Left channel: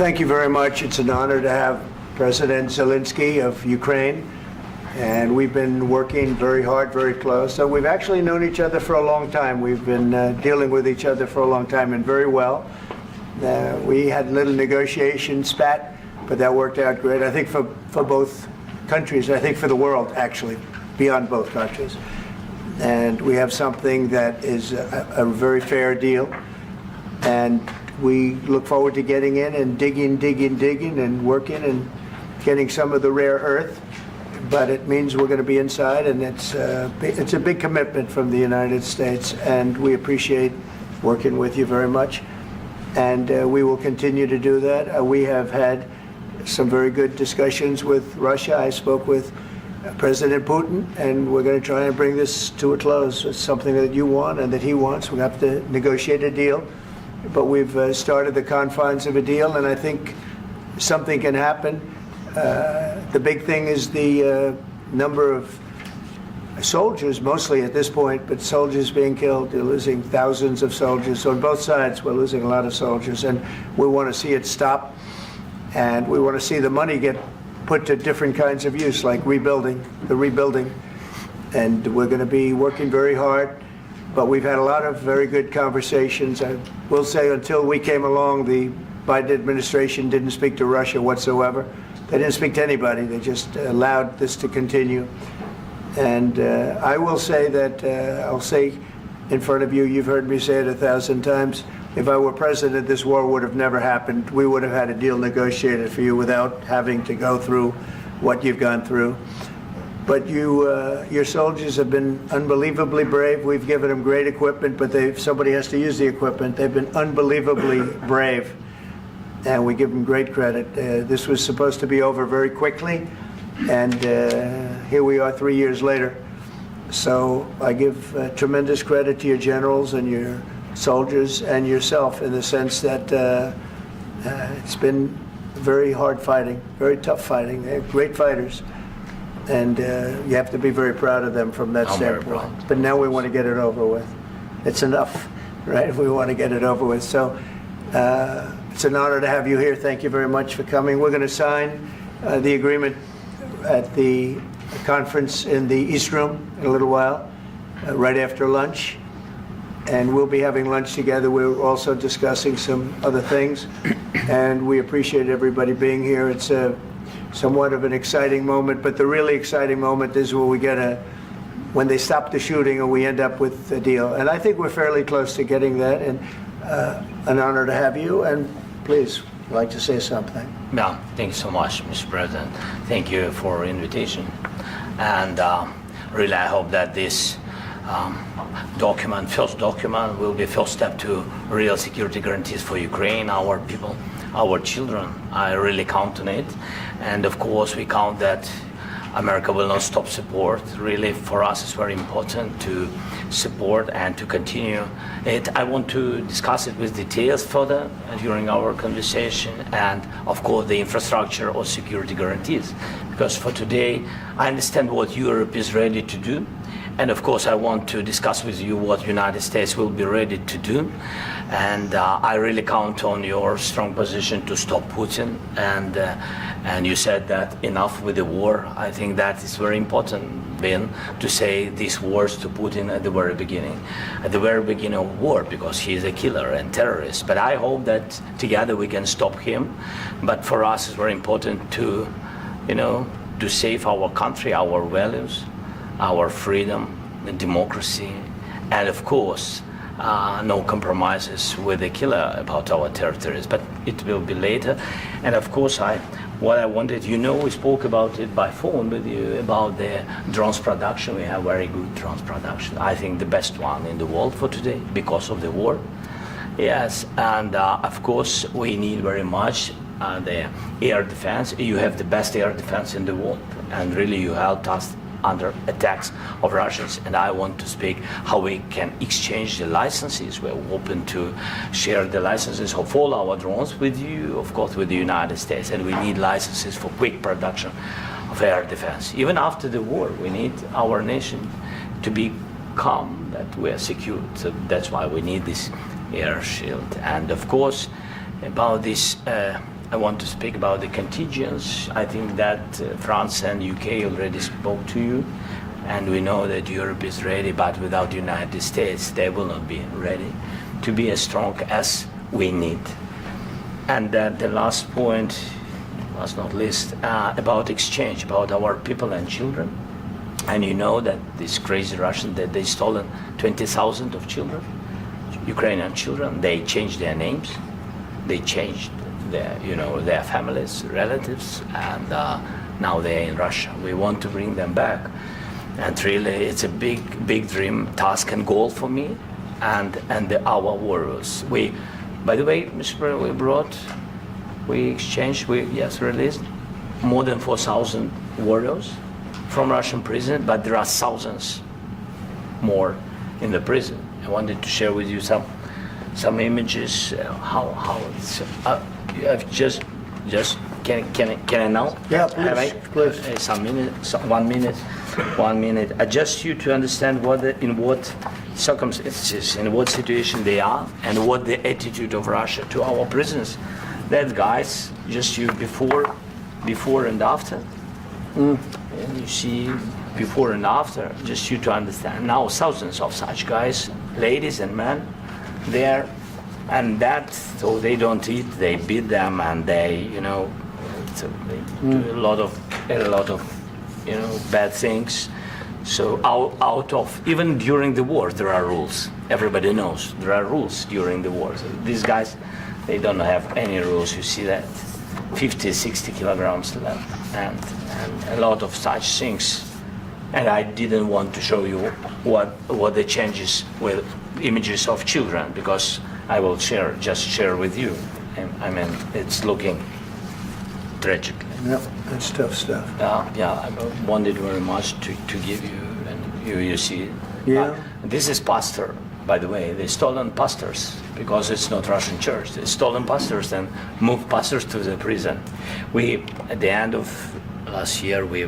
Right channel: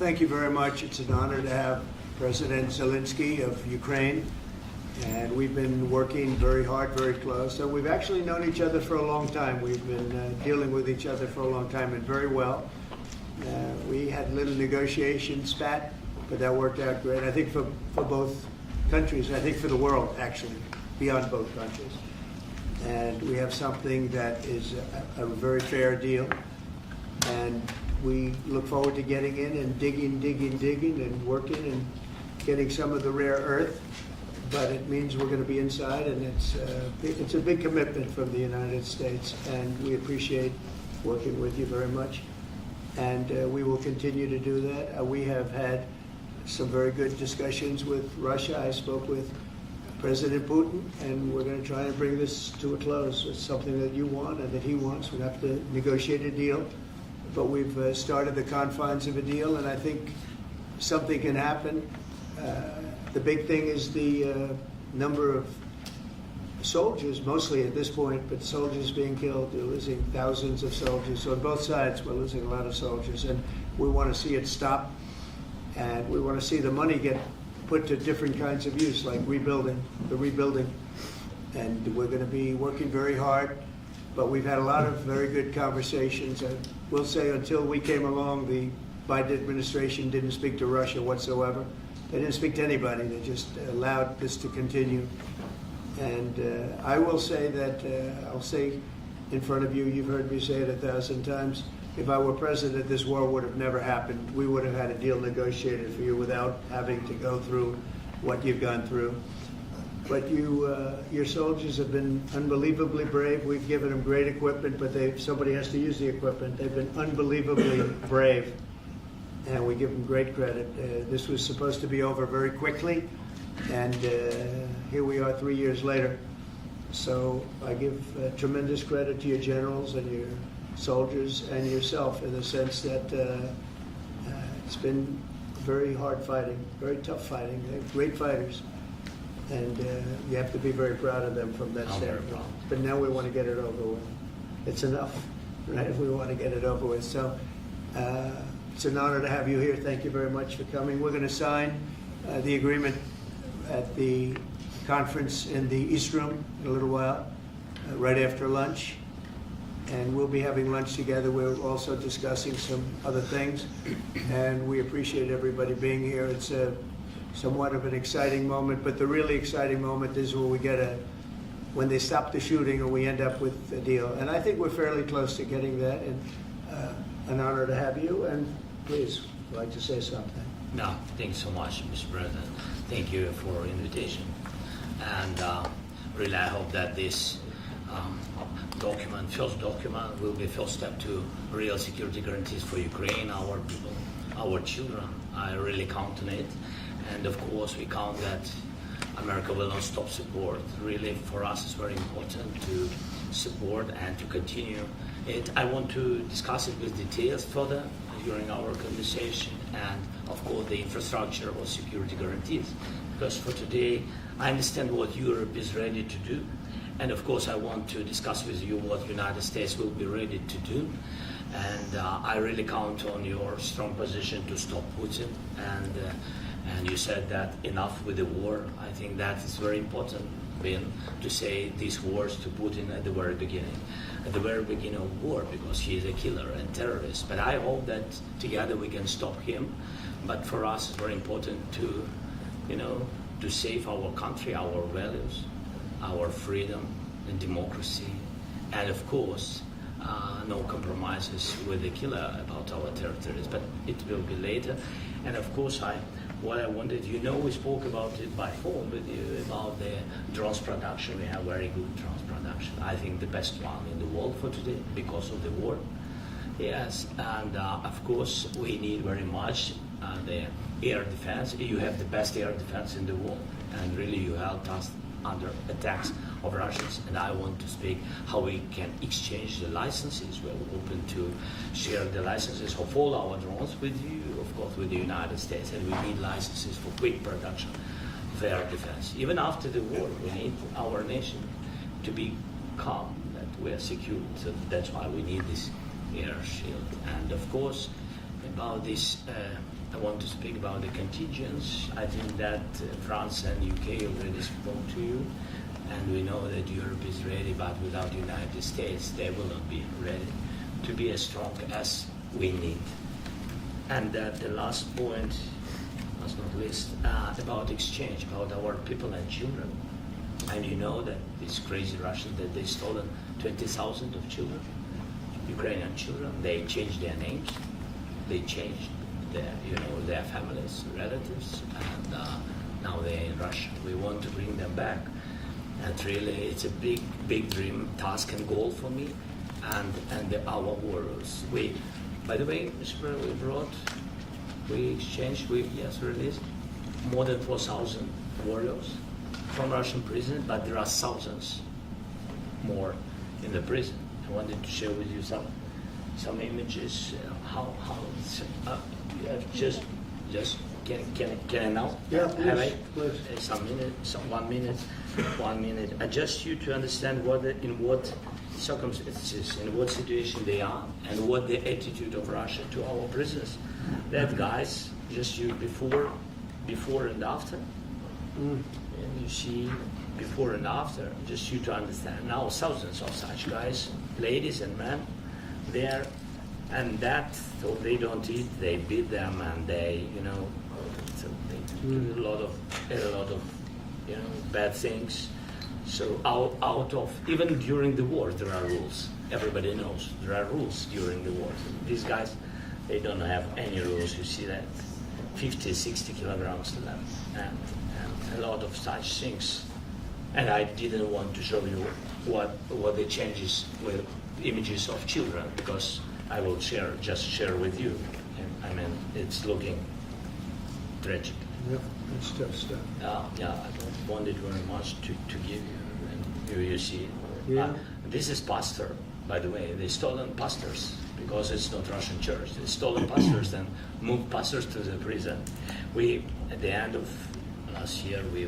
thank you very much. It's an honor to have President Zelensky of Ukraine, and we've been working very hard, very close. So we've actually known each other for a long time. We've been dealing with each other for a long time and very well. We had a little negotiation spat, but that worked out great. I think for both countries, I think for the world, actually, beyond both countries. And we have something that is a very fair deal. And we look forward to getting in and digging and working and getting some of the rare earth. But it means we're going to be inside, and it's a big commitment from the United States, and we appreciate working with you very much. And we will continue to do that. We have had some very good discussions with Russia. I spoke with President Putin, and we're going to try and bring this to a close. It's something that you want and that he wants. We have to negotiate a deal, but we've started the confines of a deal, and I think something can happen. The big thing is the number of soldiers, mostly at this point, but soldiers being killed. They're losing thousands of soldiers. So on both sides, we're losing a lot of soldiers, and we want to see it stop. And we want to see the money get put to different kinds of use, like rebuilding. And we're going to be working very hard. But we've had a lot of very good conversations. I will say until we came along, the Biden administration didn't speak to Russia whatsoever. They didn't speak to anybody. They just allowed this to continue. And I will say that, I'll say in front of you, you've heard me say it 1,000 times, if I were president, this war would have never happened. We would have had a deal negotiated for you without having to go through what you've gone through. But your soldiers have been unbelievably brave. We've given them great equipment, but somebody has to use the equipment. They've been unbelievably brave, and we give them great credit. This was supposed to be over very quickly, and here we are 3 years later. So I give tremendous credit to your generals and your soldiers and yourself, in the sense that it's been very hard fighting, very tough fighting. They're great fighters, and you have to be very proud of them from that standpoint. But now we want to get it over with. It's enough, right? We want to get it over with. So it's an honor to have you here. Thank you very much for coming. We're going to sign the agreement at the conference in the East Room in a little while, right after lunch. And we'll be having lunch together. We're also discussing some other things, and we appreciate everybody being here. It's somewhat of an exciting moment, but the really exciting moment is when they stop the shooting and we end up with a deal. And I think we're fairly close to getting that, and an honor to have you. And please, I'd like to say something. Yeah, thank you so much, Mr. President. Thank you for invitation. And really, I hope that this first document will be first step to real security guarantees for Ukraine, our people, our children. I really count on it. And of course, we count that America will not stop support. Really, for us, it's very important to support and to continue it. I want to discuss it with details further during our conversation, and of course the infrastructure or security guarantees, because for today I understand what Europe is ready to do, and of course I want to discuss with you what United States will be ready to do. And I really count on your strong position to stop Putin, and you said that enough with the war. I think that is very important, Ben, to say these words to Putin at the very beginning of war, because he is a killer and terrorist. But I hope that together we can stop him. But for us, it's very important to, to save our country, our values, our freedom and democracy, and of course, no compromises with the killer about our territories, but it will be later. And of course, what I wanted, we spoke about it by phone with you, about the drones production. We have very good drones production. I think the best one in the world for today because of the war. Yes, and of course, we need very much the air defense. You have the best air defense in the world, and really you helped us under attacks of Russians, and I want to speak how we can exchange the licenses. We're open to share the licenses of all our drones with you, of course, with the United States, and we need licenses for quick production of air defense. Even after the war, we need our nation to be calm, that we are secure. So that's why we need this air shield. And of course, about this I want to speak about the contingents. I think that France and UK already spoke to you, and we know that Europe is ready, but without the United States, they will not be ready to be as strong as we need. And the last point, last not least, about exchange, about our people and children. And you know that these crazy Russians, that they stolen 20,000 of children, Ukrainian children. They changed their names, they changed their families, relatives, and now they're in Russia. We want to bring them back. And really, it's a big dream, task and goal for me and our warriors. By the way, Mr. President, we released more than 4,000 warriors from Russian prison, but there are thousands more in the prison. I wanted to share with you some images. How it's just can I now? Yeah, please. One minute. I just you to understand in what circumstances, in what situation they are, and what the attitude of Russia to our prisoners. That guys, just you before and after. And you see before and after, just you to understand. Now thousands of such guys, ladies and men, there, and that, so they don't eat, they beat them, and they do a lot of bad things. So out of, even during the war, there are rules. Everybody knows there are rules during the war. So these guys, they don't have any rules. You see that 50, 60 kilograms left, and a lot of such things. And I didn't want to show you what the changes with images of children, because I will just share with you. And I mean, it's looking tragic. Yep, that's tough stuff. I wanted very much to give you, and you see. Yeah. This is pastor, by the way. They stolen pastors because it's not Russian church. They stolen pastors and moved pastors to the prison. At the end of last year, we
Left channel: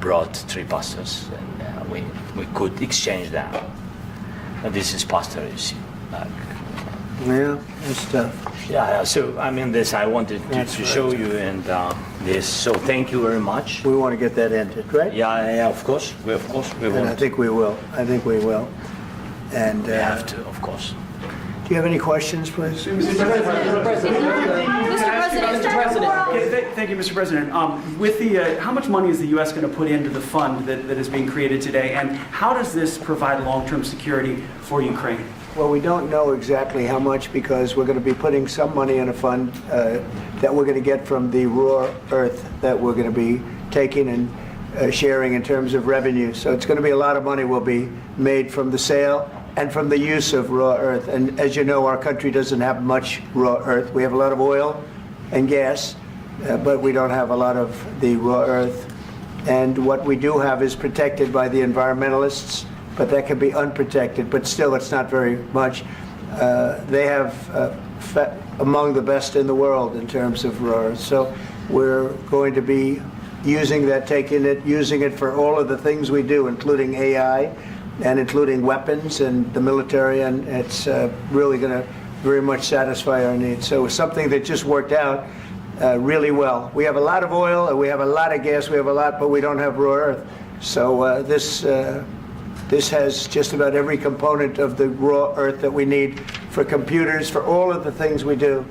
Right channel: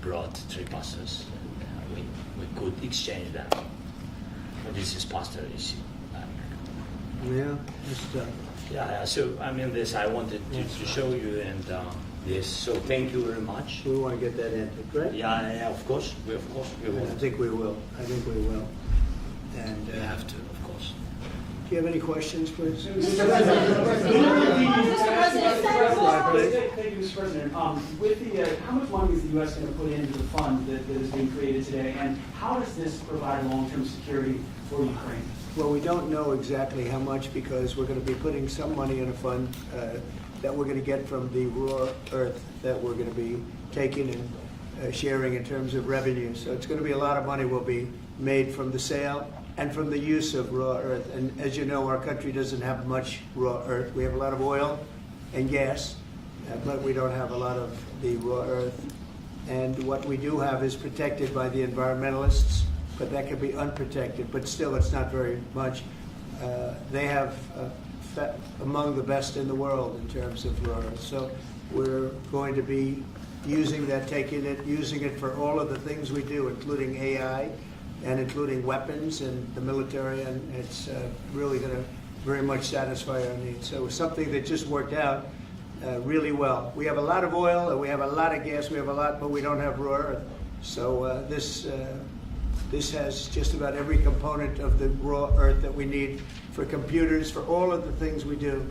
brought 3 pastors, and we could exchange them. And this is pastor, you see. Yeah, that's tough. Yeah. So I mean, this I wanted to show you, and this. So thank you very much. We want to get that ended, right? Yeah. Of course, we And want. I think we will. And We have to, of course. do you have any questions, please? Thank you, Mr. President. With the, how much money is the U.S. going to put into the fund that is being created today, and how does this provide long-term security for Ukraine? Well, we don't know exactly how much, because we're going to be putting some money in a fund that we're going to get from the raw earth that we're going to be taking and sharing in terms of revenue. So it's going to be a lot of money will be made from the sale and from the use of raw earth. And as you know, our country doesn't have much raw earth. We have a lot of oil and gas, but we don't have a lot of the raw earth. And what we do have is protected by the environmentalists, but that can be unprotected, but still it's not very much. They have among the best in the world in terms of raw earth. So we're going to be using that, using it for all of the things we do, including AI and including weapons and the military, and it's really going to very much satisfy our needs. So it's something that just worked out really well. We have a lot of oil, we have a lot of gas, we have a lot, but we don't have raw earth. So this has just about every component of the raw earth that we need for computers, for all of the things we do.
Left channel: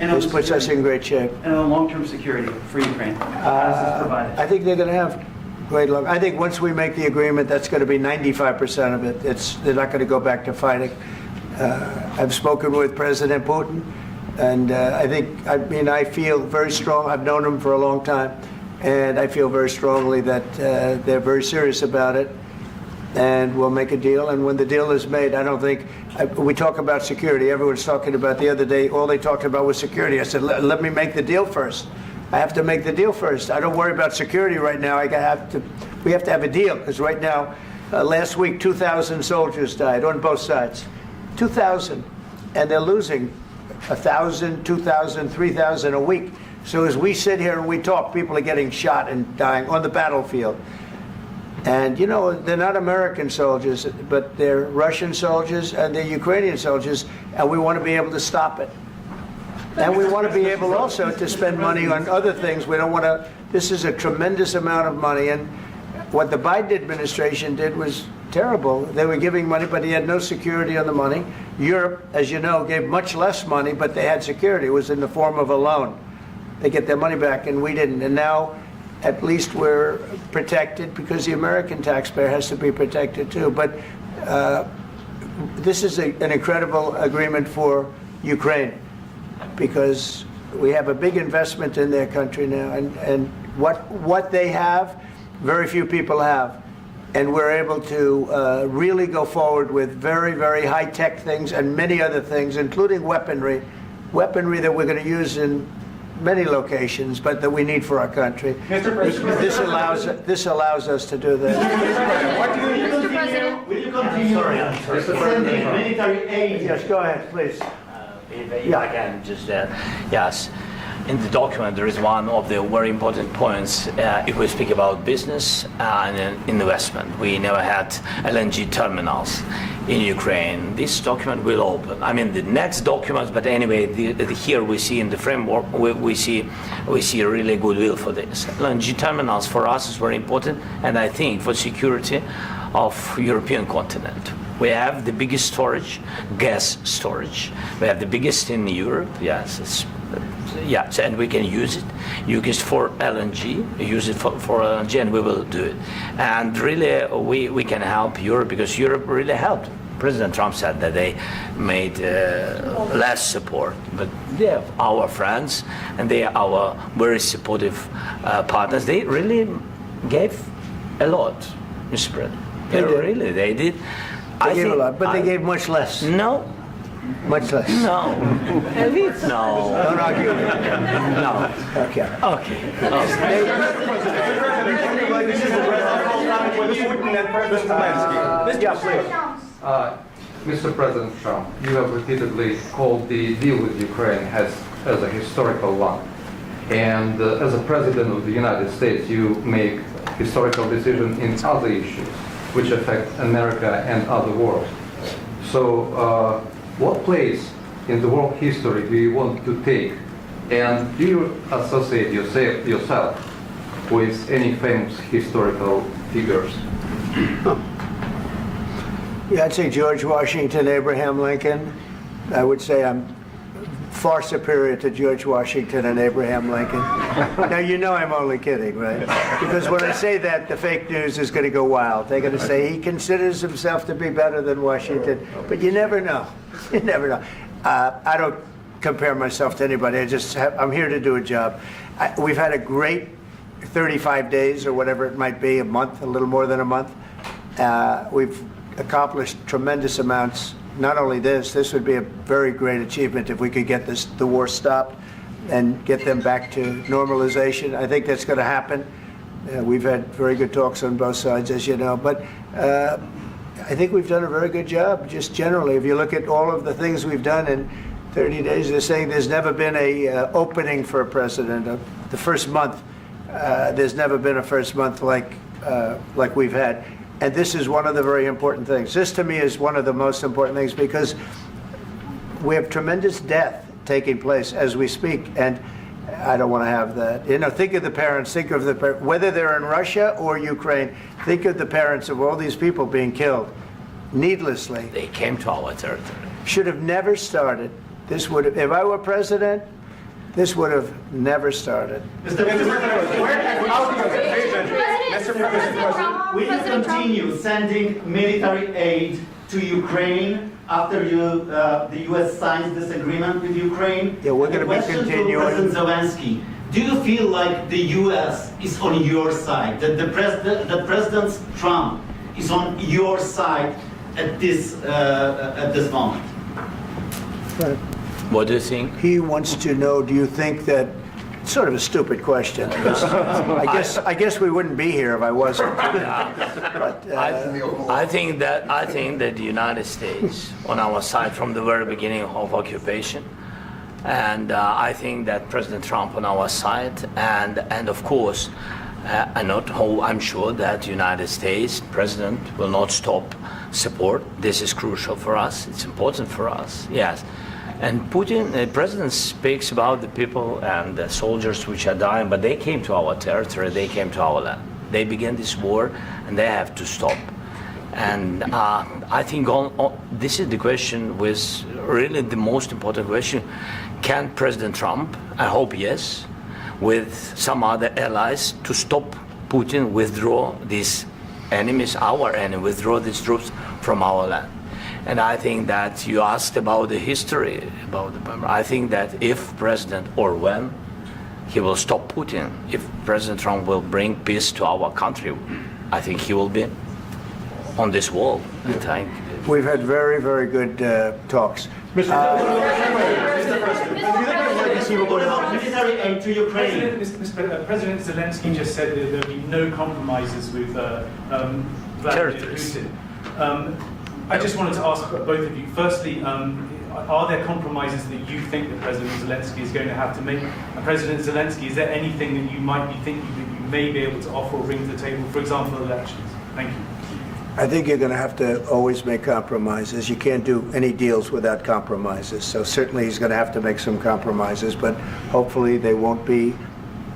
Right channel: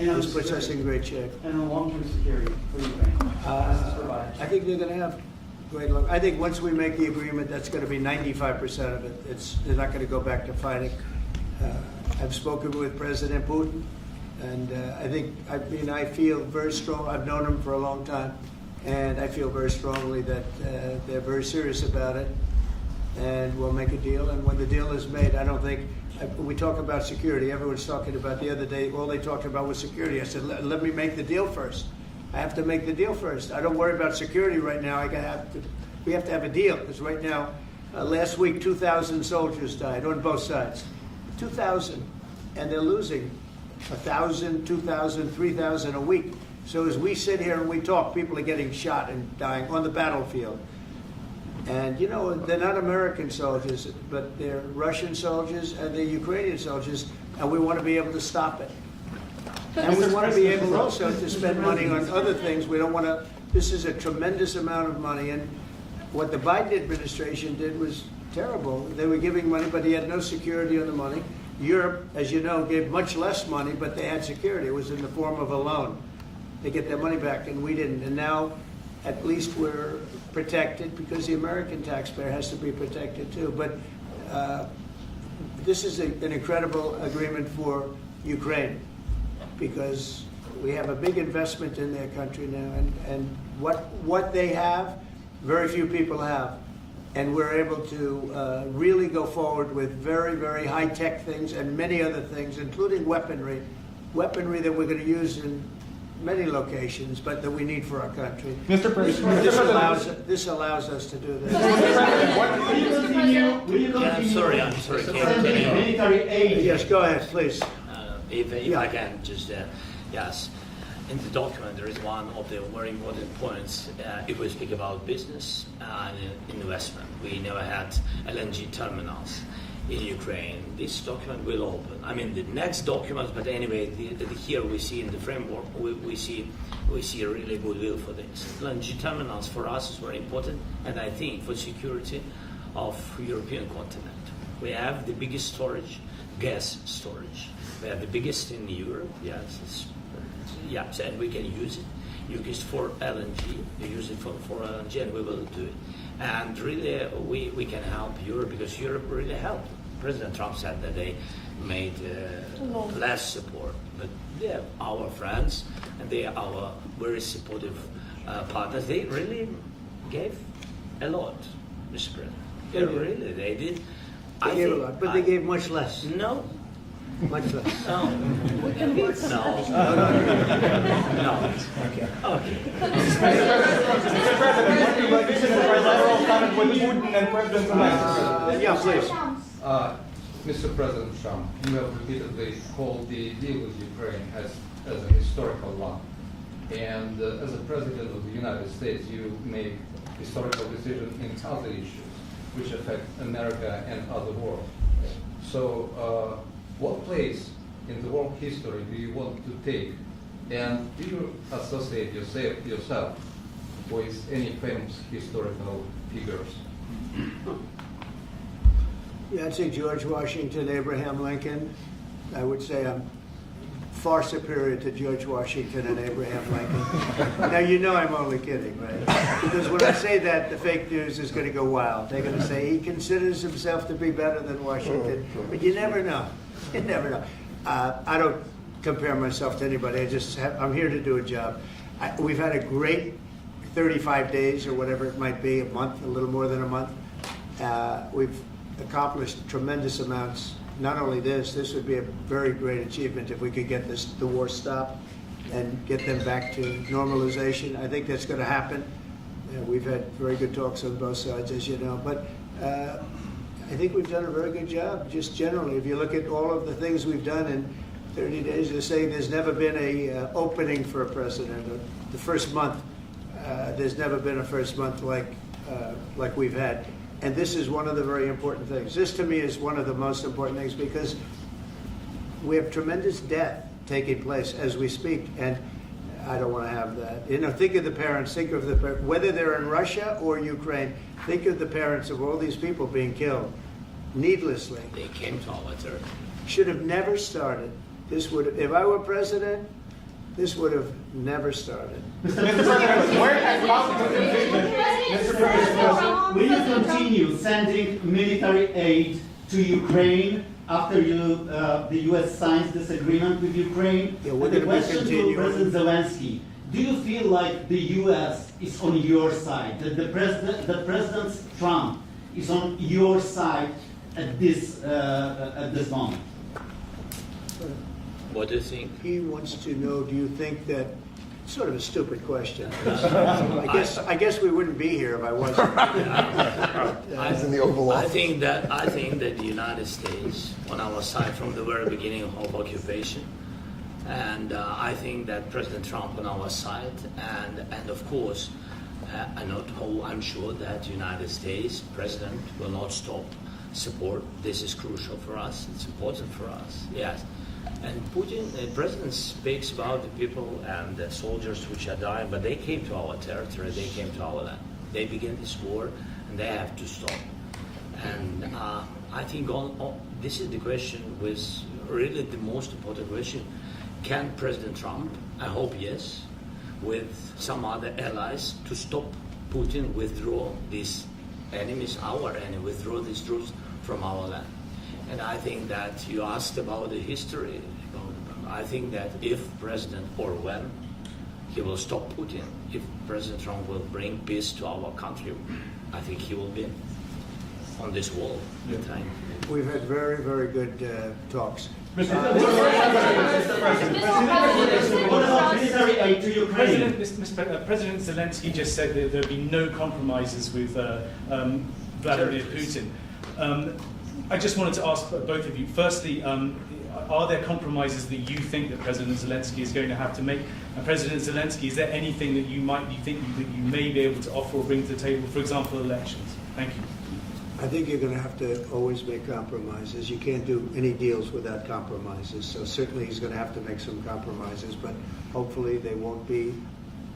This puts us in great shape. And on long-term security for Ukraine, how does this provide it? I think they're going to have great luck. I think once we make the agreement, that's going to be 95% of it. They're not going to go back to fighting. I've spoken with President Putin, and I feel very strong. I've known him for a long time, and I feel very strongly that they're very serious about it, and we'll make a deal. And when the deal is made, I don't think, we talk about security. Everyone's talking about the other day, all they talked about was security. I said, let me make the deal first. I have to make the deal first. I don't worry about security right now. We have to have a deal, because right now, last week, 2,000 soldiers died on both sides. 2,000. And they're losing 1,000, 2,000, 3,000 a week. So as we sit here and we talk, people are getting shot and dying on the battlefield. And, you know, they're not American soldiers, but they're Russian soldiers and they're Ukrainian soldiers, and we want to be able to stop it. And we want to be able also to spend money on other things. We don't want to, this is a tremendous amount of money. And what the Biden administration did was terrible. They were giving money, but he had no security on the money. Europe, as you know, gave much less money, but they had security. It was in the form of a loan. They get their money back, and we didn't. And now, at least we're protected because the American taxpayer has to be protected too. But this is an incredible agreement for Ukraine because we have a big investment in their country now, and what they have, very few people have. And we're able to really go forward with very, very high-tech things and many other things, including weaponry that we're going to use in many locations, but that we need for our country. Mr. President, This allows us to do that. will you continue? I'm sorry. Sending military aid? Yes, go ahead, please. If I can just, yes. In the document, there is one of the very important points. If we speak about business and investment, we never had LNG terminals in Ukraine. This document will open. I mean, the next document, but anyway, here we see in the framework, we see a really goodwill for this. LNG terminals for us is very important, and I think for security of European continent. We have the biggest storage, gas storage. We have the biggest in Europe. Yes, yes, and we can use it. Use it for LNG. Use it for LNG, and we will do it. And really, we can help Europe because Europe really helped. President Trump said that they made less support, but they are our friends and they are our very supportive partners. They really gave a lot, Mr. President. They did. They gave a lot, but they gave much less. No. Much less. No. No. No. Okay. Okay. Mr. President Trump, you have repeatedly called the deal with Ukraine as a historical one. And as a President of the United States, you make historical decisions in other issues which affect America and other world. So what place in the world history do you want to take? And do you associate yourself with any famous historical figures? Yeah, I'd say George Washington, Abraham Lincoln. I would say I'm far superior to George Washington and Abraham Lincoln. Now, you know I'm only kidding, right? Because when I say that, the fake news is going to go wild. They're going to say he considers himself to be better than Washington. But you never know. You never know. I don't compare myself to anybody. I'm here to do a job. We've had a great 35 days or whatever it might be, a month, a little more than a month. We've accomplished tremendous amounts. Not only this would be a very great achievement if we could get the war stopped and get them back to normalization. I think that's going to happen. We've had very good talks on both sides, as you know. But I think we've done a very good job, just generally. If you look at all of the things we've done in 30 days, they're saying there's never been a opening for a president. The first month, there's never been a first month like we've had. And this is one of the very important things. This, to me, is one of the most important things because we have tremendous death taking place as we speak, and I don't want to have that. You know, think of the parents, whether they're in Russia or Ukraine, think of the parents of all these people being killed needlessly. They came to our territory. Should have never started. This would have, if I were president, this would have never started. Mr. President, where has out your conviction? Mr. President, will you continue sending military aid to Ukraine after the U.S. signs this agreement with Ukraine? Yeah, we're going to be continuing. To President Zelensky, do you feel like the U.S. is on your side? That the President Trump is on your side at this moment? Right. What do you think? He wants to know, do you think that, sort of a stupid question. I guess we wouldn't be here if I wasn't. I think that the United States on our side from the very beginning of occupation, and I think that President Trump on our side, and of course, I'm sure that the United States President will not stop support. This is crucial for us. It's important for us. Yes. And Putin, the president speaks about the people and the soldiers which are dying, but they came to our territory, they came to our land. They began this war, and they have to stop. And I think this is the question, with really the most important question. Can President Trump, I hope yes, with some other allies, to stop Putin, withdraw these enemies, our enemy, withdraw these troops from our land? And I think that you asked about the history, I think that if President, or when, he will stop Putin, if President Trump will bring peace to our country, I think he will be on this wall. We've had very, very good talks. What about military aid to Ukraine? President Zelensky just said that there will be no compromises with Vladimir Putin. I just wanted to ask both of you, firstly, are there compromises that you think that President Zelensky is going to have to make? And President Zelensky, is there anything that you might be thinking that you may be able to offer or bring to the table, for example, elections? Thank you. I think you're going to have to always make compromises. You can't do any deals without compromises. So certainly he's going to have to make some compromises, but hopefully they won't be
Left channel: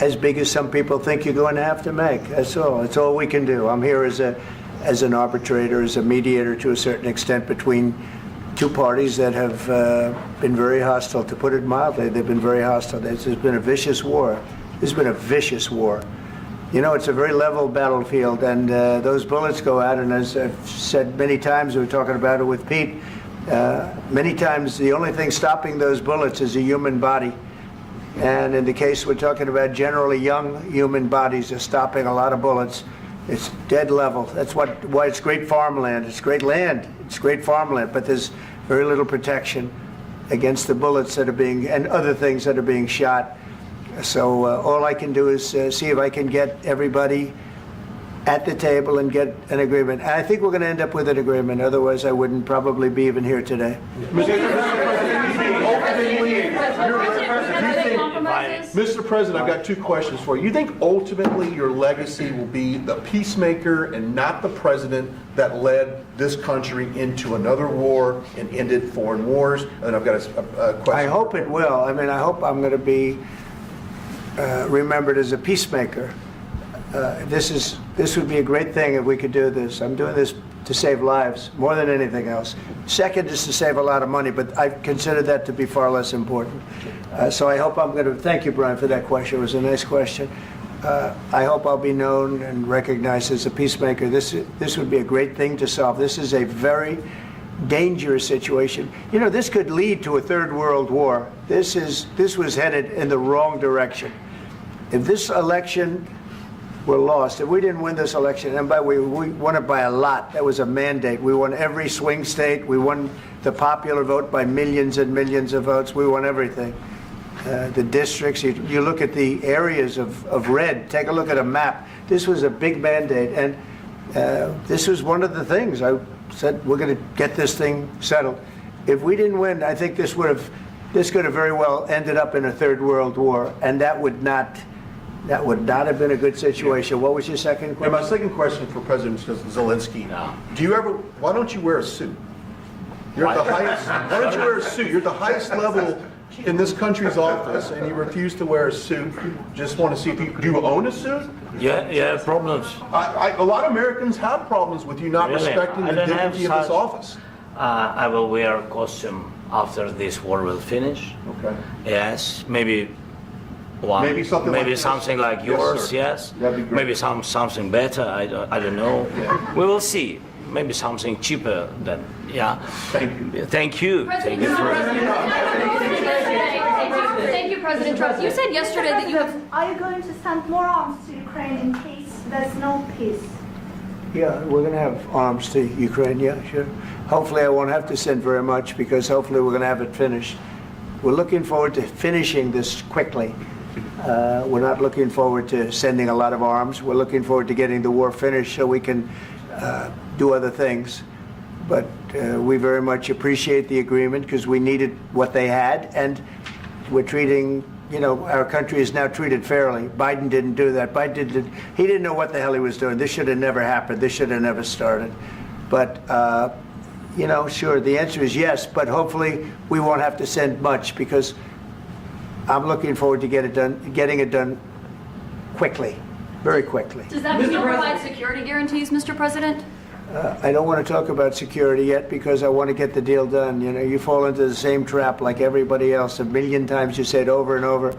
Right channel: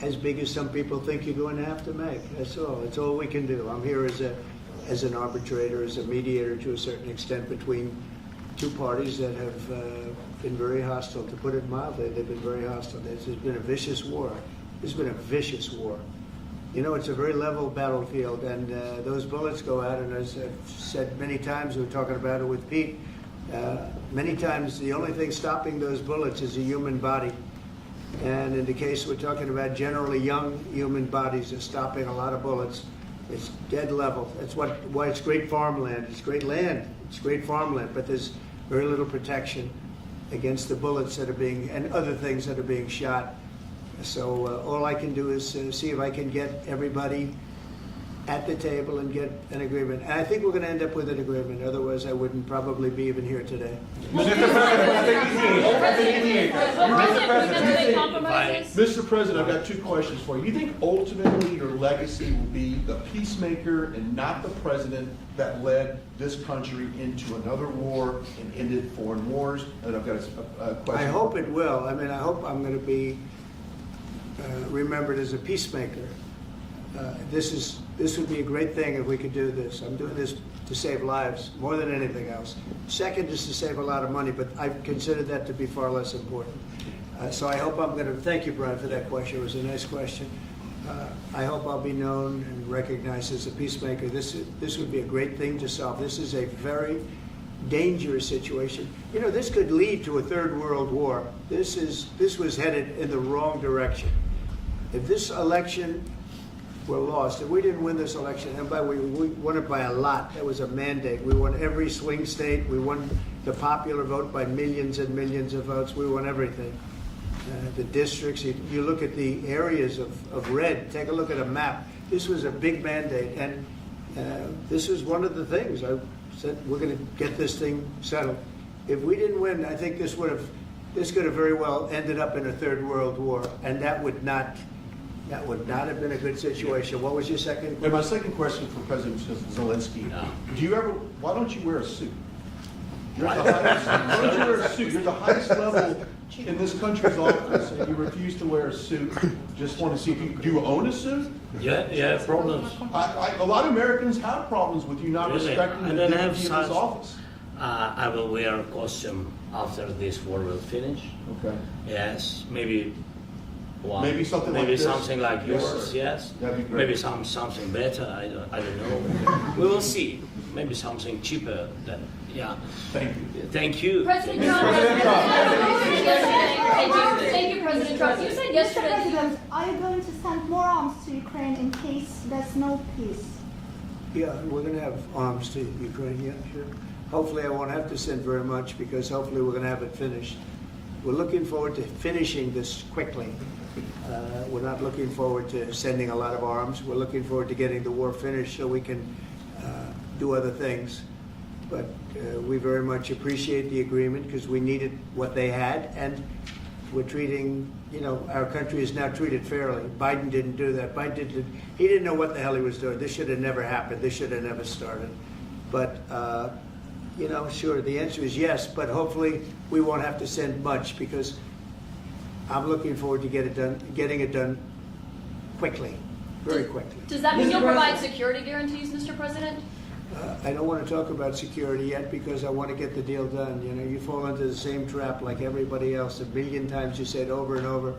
as big as some people think you're going to have to make. That's all. That's all we can do. I'm here as an arbitrator, as a mediator to a certain extent between two parties that have been very hostile, to put it mildly. They've been very hostile. There's been a vicious war. There's been a vicious war. You know, it's a very level battlefield, and those bullets go out, and as I've said many times, we were talking about it with Pete, many times the only thing stopping those bullets is a human body. And in the case we're talking about, generally young human bodies are stopping a lot of bullets. It's dead level. That's why it's great farmland. It's great land. It's great farmland, but there's very little protection against the bullets that are being, and other things that are being shot. So all I can do is see if I can get everybody at the table and get an agreement. And I think we're going to end up with an agreement. Otherwise, I wouldn't probably be even here today. Mr. President, I've got two questions for you. You think ultimately your legacy will be the peacemaker and not the president that led this country into another war and ended foreign wars? And I've got a question. I hope it will. I mean, I hope I'm going to be remembered as a peacemaker. This would be a great thing if we could do this. I'm doing this to save lives more than anything else. Second is to save a lot of money, but I consider that to be far less important. So I hope I'm going to, thank you, Brian, for that question. It was a nice question. I hope I'll be known and recognized as a peacemaker. This would be a great thing to solve. This is a very dangerous situation. You know, this could lead to a third world war. This was headed in the wrong direction. If this election were lost, if we didn't win this election, and by the way, we won it by a lot. That was a mandate. We won every swing state. We won the popular vote by millions and millions of votes. We won everything. The districts, you look at the areas of red, take a look at a map. This was a big mandate, and this was one of the things. I said, we're going to get this thing settled. If we didn't win, I think this could have very well ended up in a third world war, and that would not have been a good situation. What was your second question? And my second question for President Zelensky, why don't you wear a suit? You're at the highest, why don't you wear a suit? You're at the highest level in this country's office, and you refuse to wear a suit. Just want to see if do you own a suit? Yeah, problems. A lot of Americans have problems with you not respecting the dignity of this office. I will wear a costume after this war will finish. Okay. Yes, maybe Maybe something like this? something like yours, sir. yes. That'd be great. Maybe something better, I don't know. We will see. Maybe something cheaper than, yeah. Thank you. Thank you. President Trump. Thank you, President Trump. You said yesterday that you have. Are you going to send more arms to Ukraine in case there's no peace? Yeah, we're going to have arms to Ukraine, yeah, sure. Hopefully I won't have to send very much, because hopefully we're going to have it finished. We're looking forward to finishing this quickly. We're not looking forward to sending a lot of arms. We're looking forward to getting the war finished so we can do other things. But we very much appreciate the agreement, because we needed what they had, and we're treating, you know, our country is now treated fairly. Biden didn't do that. He didn't know what the hell he was doing. This should have never happened. This should have never started. But you know, sure, the answer is yes, but hopefully we won't have to send much because I'm looking forward to getting it done quickly, very quickly. Does that mean you'll provide security guarantees, Mr. President? I don't want to talk about security yet because I want to get the deal done. You know, you fall into the same trap like everybody else. A million times you say it over and over.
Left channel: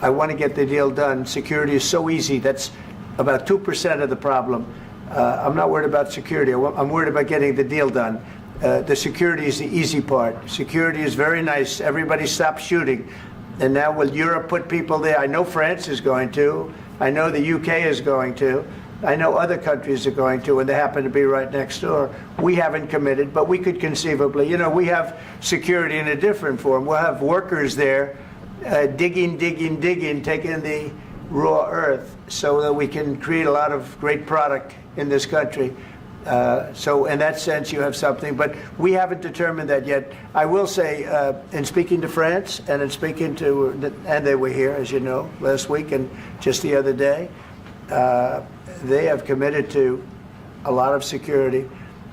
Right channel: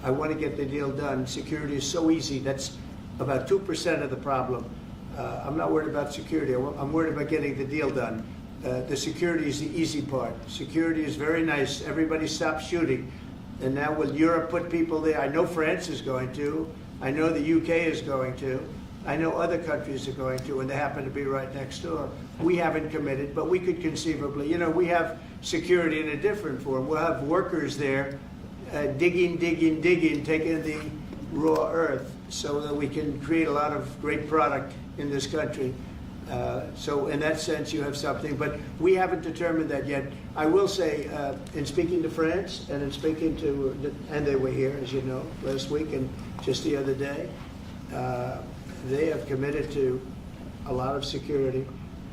I want to get the deal done. Security is so easy. That's about 2% of the problem. I'm not worried about security. I'm worried about getting the deal done. The security is the easy part. Security is very nice. Everybody stopped shooting. And now will Europe put people there? I know France is going to. I know the UK is going to. I know other countries are going to, and they happen to be right next door. We haven't committed, but we could conceivably. You know, we have security in a different form. We'll have workers there digging, taking the raw earth so that we can create a lot of great product in this country. So in that sense, you have something, but we haven't determined that yet. I will say, in speaking to France and in speaking to, and they were here, as you know, last week and just the other day, they have committed to a lot of security.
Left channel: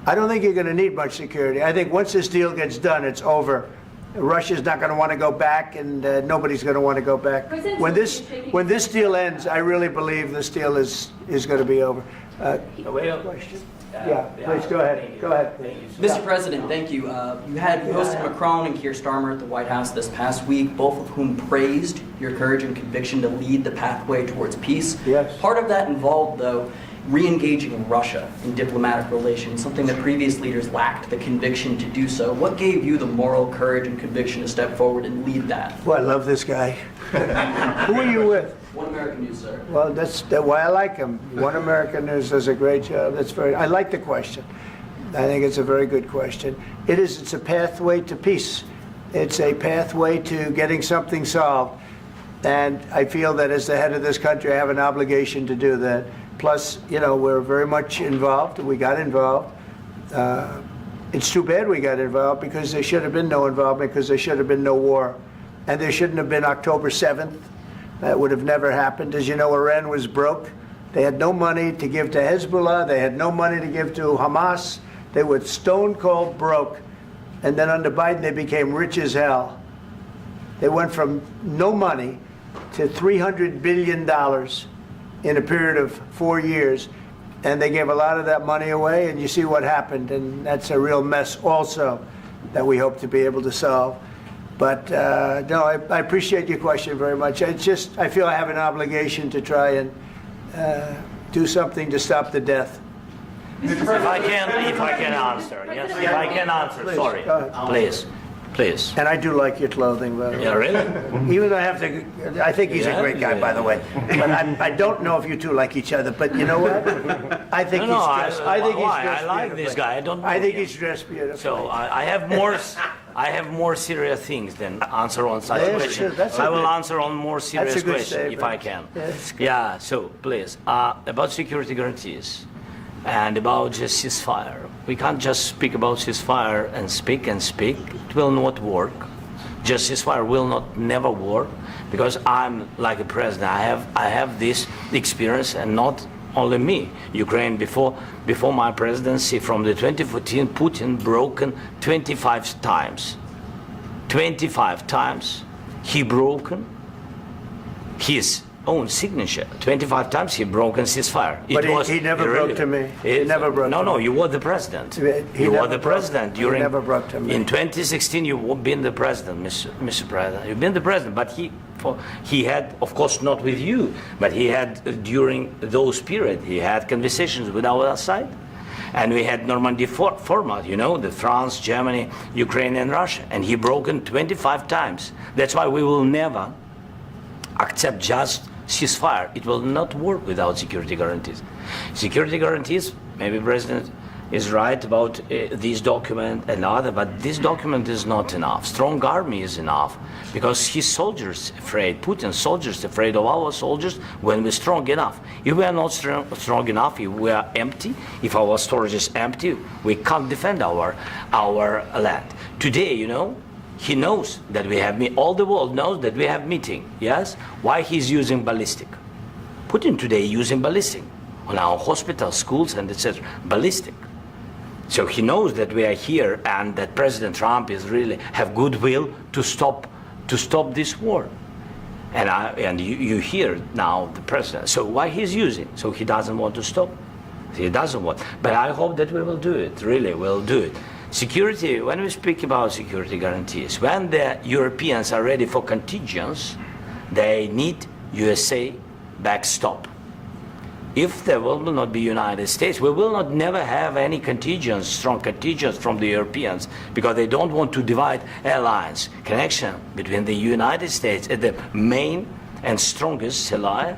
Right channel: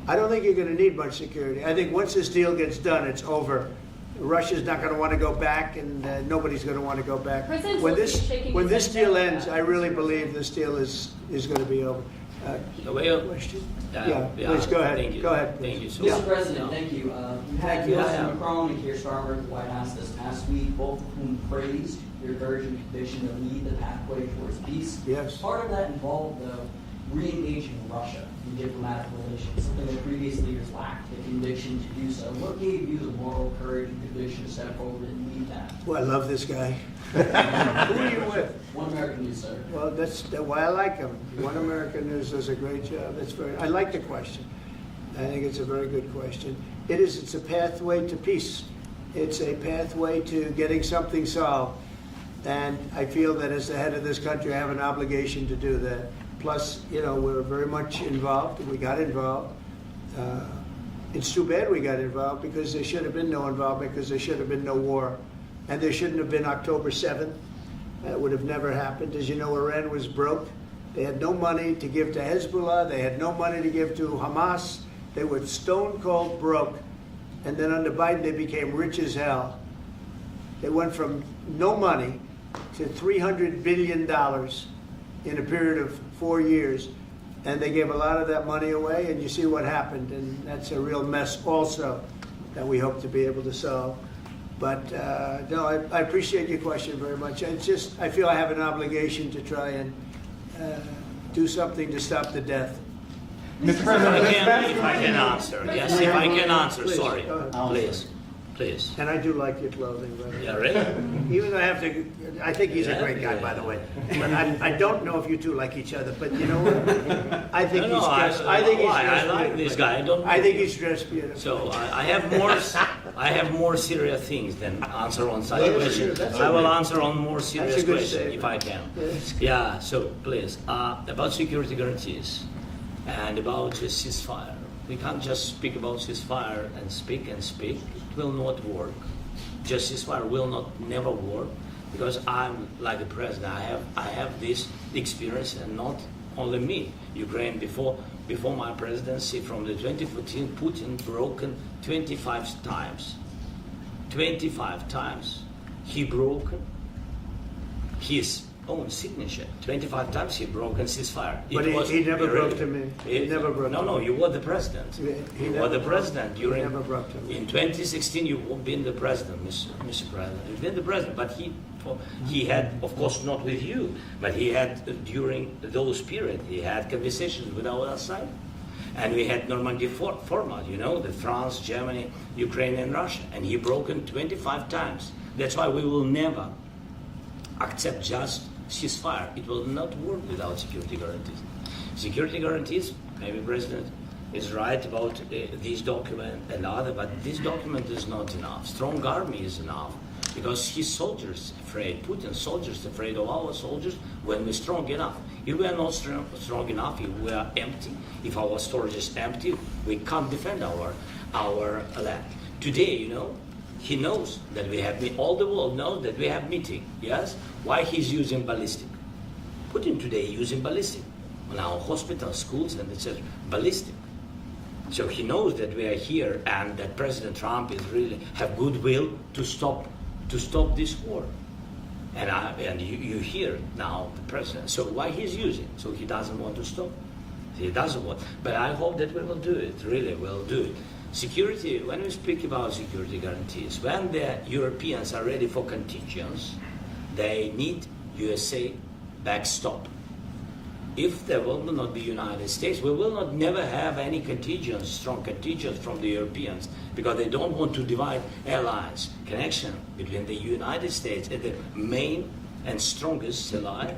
I don't think you're going to need much security. I think once this deal gets done, it's over. Russia's not going to want to go back, and nobody's going to want to go back. When this deal ends, I really believe this deal is going to be over. Question? Yeah, please go ahead. Thank you. Go ahead. Thank you. Mr. President, thank you. You had Joseph Macron and Keir Starmer at the White House this past week, both of whom praised your courage and conviction to lead the pathway towards peace. Yes. Part of that involved, though, re-engaging Russia in diplomatic relations, something that previous leaders lacked the conviction to do so. What gave you the moral courage and conviction to step forward and lead that? Well, I love this guy. Who are you with? One American News, sir. Well, that's why I like him. One American News does a great job. I like the question. I think it's a very good question. It's a pathway to peace. It's a pathway to getting something solved. And I feel that as the head of this country, I have an obligation to do that. Plus, you know, we're very much involved. We got involved. It's too bad we got involved because there should have been no involvement because there should have been no war. And there shouldn't have been October 7th. That would have never happened. As you know, Iran was broke. They had no money to give to Hezbollah. They had no money to give to Hamas. They were stone cold broke. And then under Biden, they became rich as hell. They went from no money to $300 billion in a period of 4 years. And they gave a lot of that money away, and you see what happened. And that's a real mess also that we hope to be able to solve. But no, I appreciate your question very much. I feel I have an obligation to try and do something to stop the death. If I can answer. Yes, if I can answer. Sorry. Please. And I do like your clothing, by the way. Yeah, really? Even though I think he's a great guy, by the way. But I don't know if you two like each other. But you know what? I think he's dressed. I like this guy. I think he's dressed beautifully. So I have more serious things than answer on such questions. I will answer on more serious questions if I can. Yeah. So please, about security guarantees and about just ceasefire. We can't just speak about ceasefire and speak. It will not work. Just ceasefire will never work because I'm like a president. I have this experience, and not only me. Ukraine before my presidency, from the 2014, Putin broken 25 times. 25 times he broken his own signature. 25 times he broken ceasefire. But he never broke to me. He never broke to me. No, you were the president. You were the president during. He never broke to me. In 2016, you've been the president, Mr. President. You've been the president, but he had, of course, not with you, but he had during those period. He had conversations with our side, and we had Normandy format. You know, the France, Germany, Ukraine, and Russia, and he broken 25 times. That's why we will never accept just ceasefire. It will not work without security guarantees. Security guarantees, maybe President is right about this document and other, but this document is not enough. Strong army is enough because his soldiers afraid, Putin's soldiers afraid of our soldiers when we're strong enough. If we are not strong enough, if we are empty, if our storage is empty, we can't defend our land. Today, you know, he knows that we have all the world knows that we have meeting. Yes, why he's using ballistic? Putin today using ballistic on our hospitals, schools, and etc. Ballistic. So he knows that we are here and that President Trump is really have goodwill to stop this war. And you hear now the president. So why he's using? So he doesn't want to stop. He doesn't want. But I hope that we will do it. Really, we'll do it. Security. When we speak about security guarantees, when the Europeans are ready for contingents, they need USA backstop. If there will not be United States, we will not never have any contingents, strong contingents from the Europeans, because they don't want to divide alliance connection between the United States as the main and strongest ally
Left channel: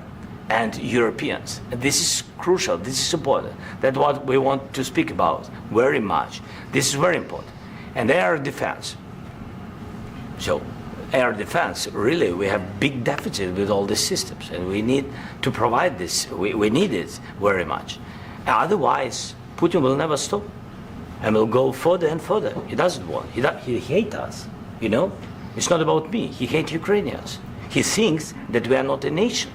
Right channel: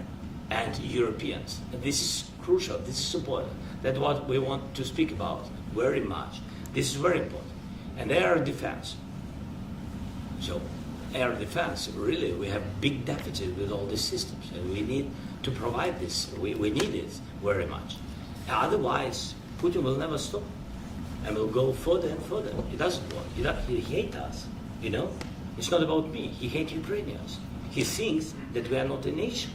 and Europeans. And this is crucial, this is important. That's what we want to speak about very much. This is very important. And air defense. So air defense, really, we have big deficit with all these systems, and we need to provide this. We need it very much. Otherwise, Putin will never stop, and will go further and further. He doesn't want. He hates us. You know, it's not about me. He hates Ukrainians. He thinks that we are not a nation.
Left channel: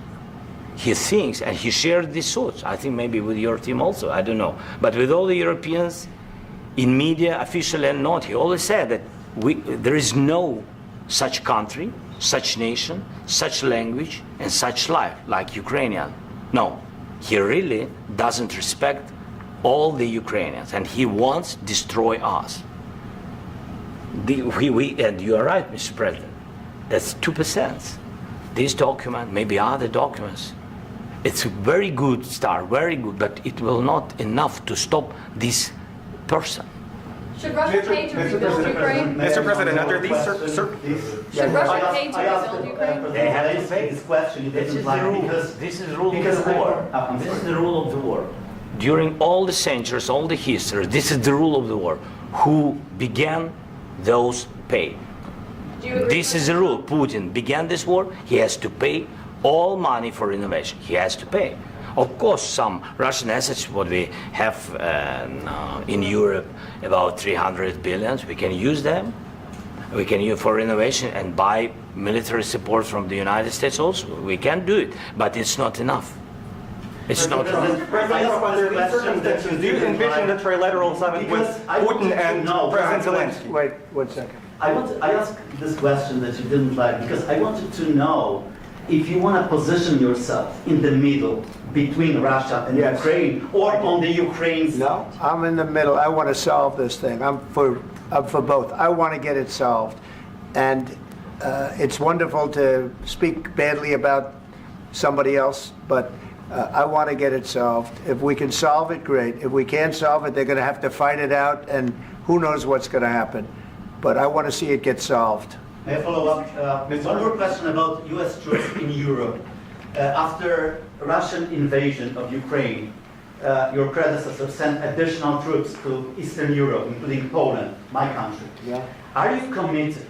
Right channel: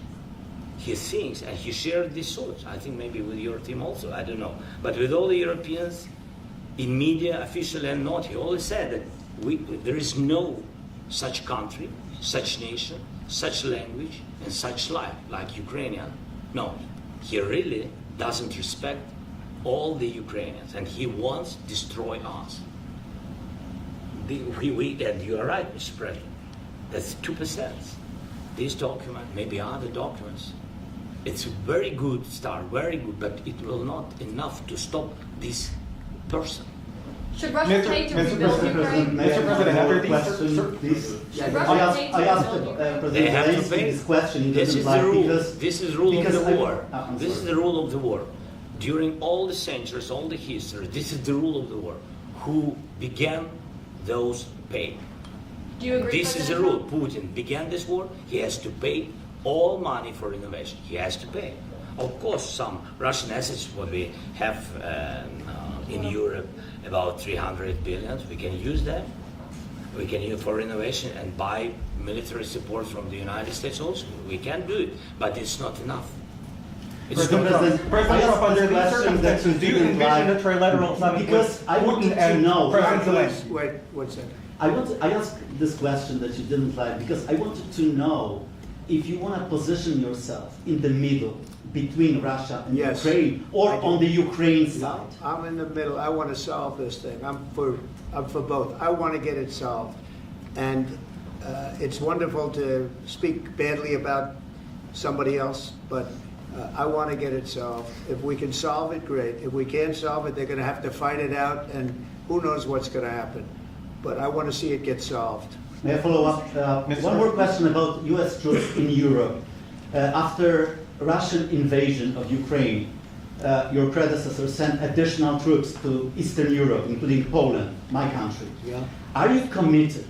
He thinks, and he shared these thoughts. I think maybe with your team also. I don't know, but with all the Europeans, in media, officially and not, he always said that there is no such country, such nation, such language, and such life like Ukrainian. No, he really doesn't respect all the Ukrainians, and he wants to destroy us. And you are right, Mr. President. That's 2%. This document, maybe other documents, it's a very good start, very good, but it will not enough to stop this person. Should Russia pay to rebuild Ukraine? Mr. President, under these Should Russia pay to rebuild Ukraine? They have to pay. This question. This is the rule. This is the rule of the war. This is the rule of the war. During all the centuries, all the history, this is the rule of the war. Who began, those pay. Do you agree? This is the rule. Putin began this war. He has to pay all money for innovation. He has to pay. Of course, some Russian assets, what we have in Europe, about 300 billion, we can use them. We can use for innovation and buy military support from the United States also. We can do it, but it's not enough. It's not enough. Under these circumstances, do you envision a trilateral summit with Putin and President Zelensky? Wait 1 second. I asked this question that you didn't like because I wanted to know if you want to position yourself in the middle between Russia and Yes. Ukraine or on the Ukraine side. No, I'm in the middle. I want to solve this thing. I'm for both. I want to get it solved. And it's wonderful to speak badly about somebody else, but I want to get it solved. If we can solve it, great. If we can't solve it, they're going to have to fight it out, and who knows what's going to happen. But I want to see it get solved. May I follow up? One more question about U.S. troops in Europe. After Russian invasion of Ukraine, your predecessor sent additional troops to Eastern Europe, including Poland, my country. Yeah. Are you committed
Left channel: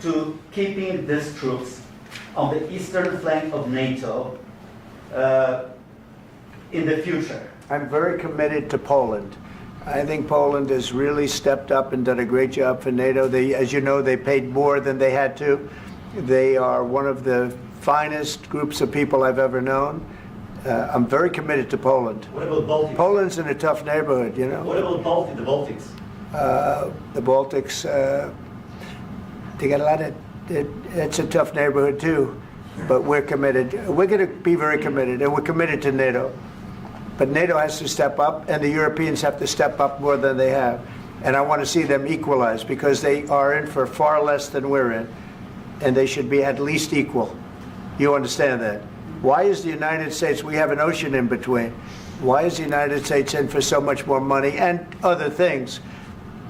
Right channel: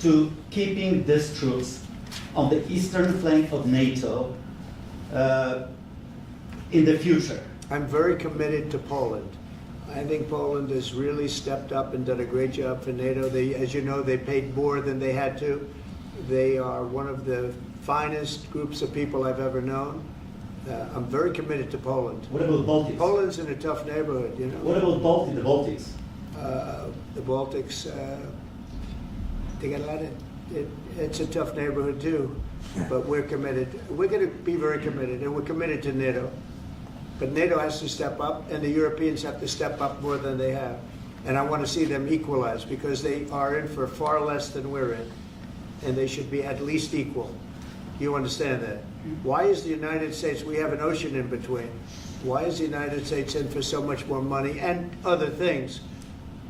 to keeping these troops on the eastern flank of NATO in the future? I'm very committed to Poland. I think Poland has really stepped up and done a great job for NATO. As you know, they paid more than they had to. They are one of the finest groups of people I've ever known. I'm very committed to Poland. What about Baltics? Poland's in a tough neighborhood, you know. What about the Baltics? The Baltics, they got a lot of, it's a tough neighborhood too, but we're committed. We're going to be very committed, and we're committed to NATO. But NATO has to step up, and the Europeans have to step up more than they have. And I want to see them equalize, because they are in for far less than we're in, and they should be at least equal. You understand that? Why is the United States, we have an ocean in between, why is the United States in for so much more money and other things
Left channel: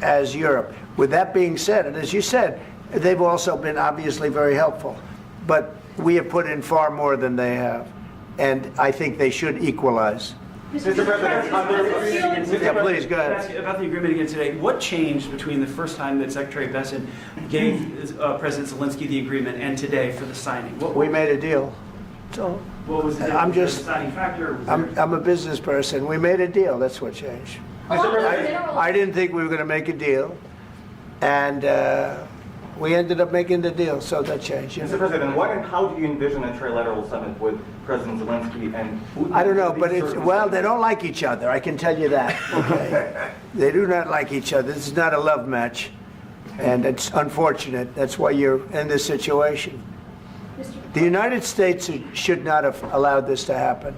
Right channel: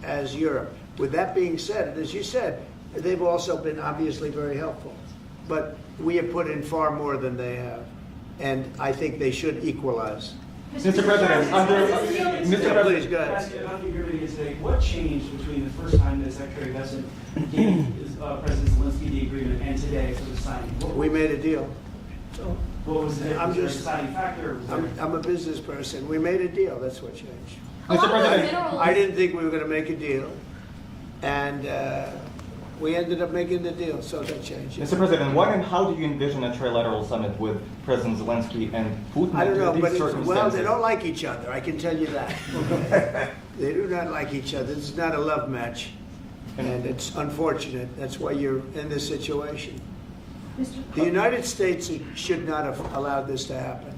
as Europe? With that being said, and as you said, they've also been obviously very helpful, but we have put in far more than they have, and I think they should equalize. Mr. President, Please go ahead. ask you about the agreement again today. What changed between the first time that Secretary Bessent gave President Zelensky the agreement and today for the signing? We made a deal. So What was the I'm just, deciding factor? I'm a business person. We made a deal. That's what changed. Mr. President, I didn't think we were going to make a deal, and We ended up making the deal, so that changed. Mr. President, what and how do you envision a trilateral summit with President Zelensky and Putin? I don't know, under but these well, they circumstances? don't like each other, I can tell you that. Okay? They do not like each other. This is not a love match, and it's unfortunate. That's why you're in this situation. The United States should not have allowed this to happen,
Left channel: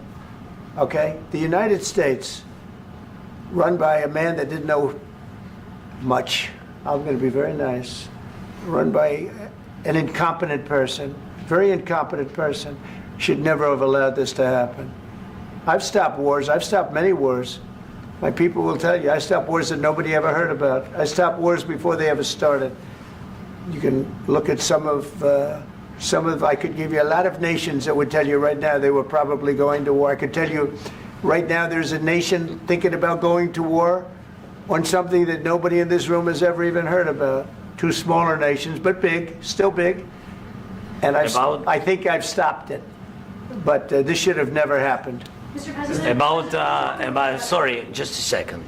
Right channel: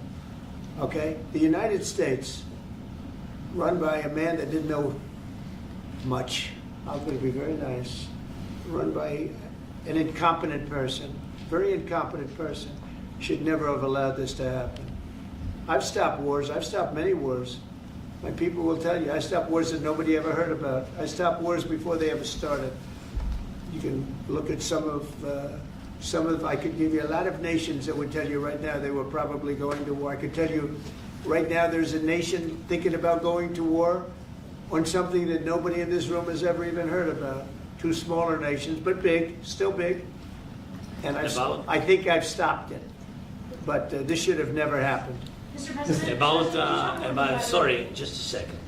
okay? The United States, run by a man that didn't know much, I'm going to be very nice, run by an incompetent person, very incompetent person, should never have allowed this to happen. I've stopped wars. I've stopped many wars. My people will tell you, I stopped wars that nobody ever heard about. I stopped wars before they ever started. You can look at some of, I could give you a lot of nations that would tell you right now they were probably going to war. I could tell you right now there's a nation thinking about going to war on something that nobody in this room has ever even heard about. Two smaller nations, but big, still big. And I think I've stopped it. But this should have never happened. Mr. President, About sorry, just a second.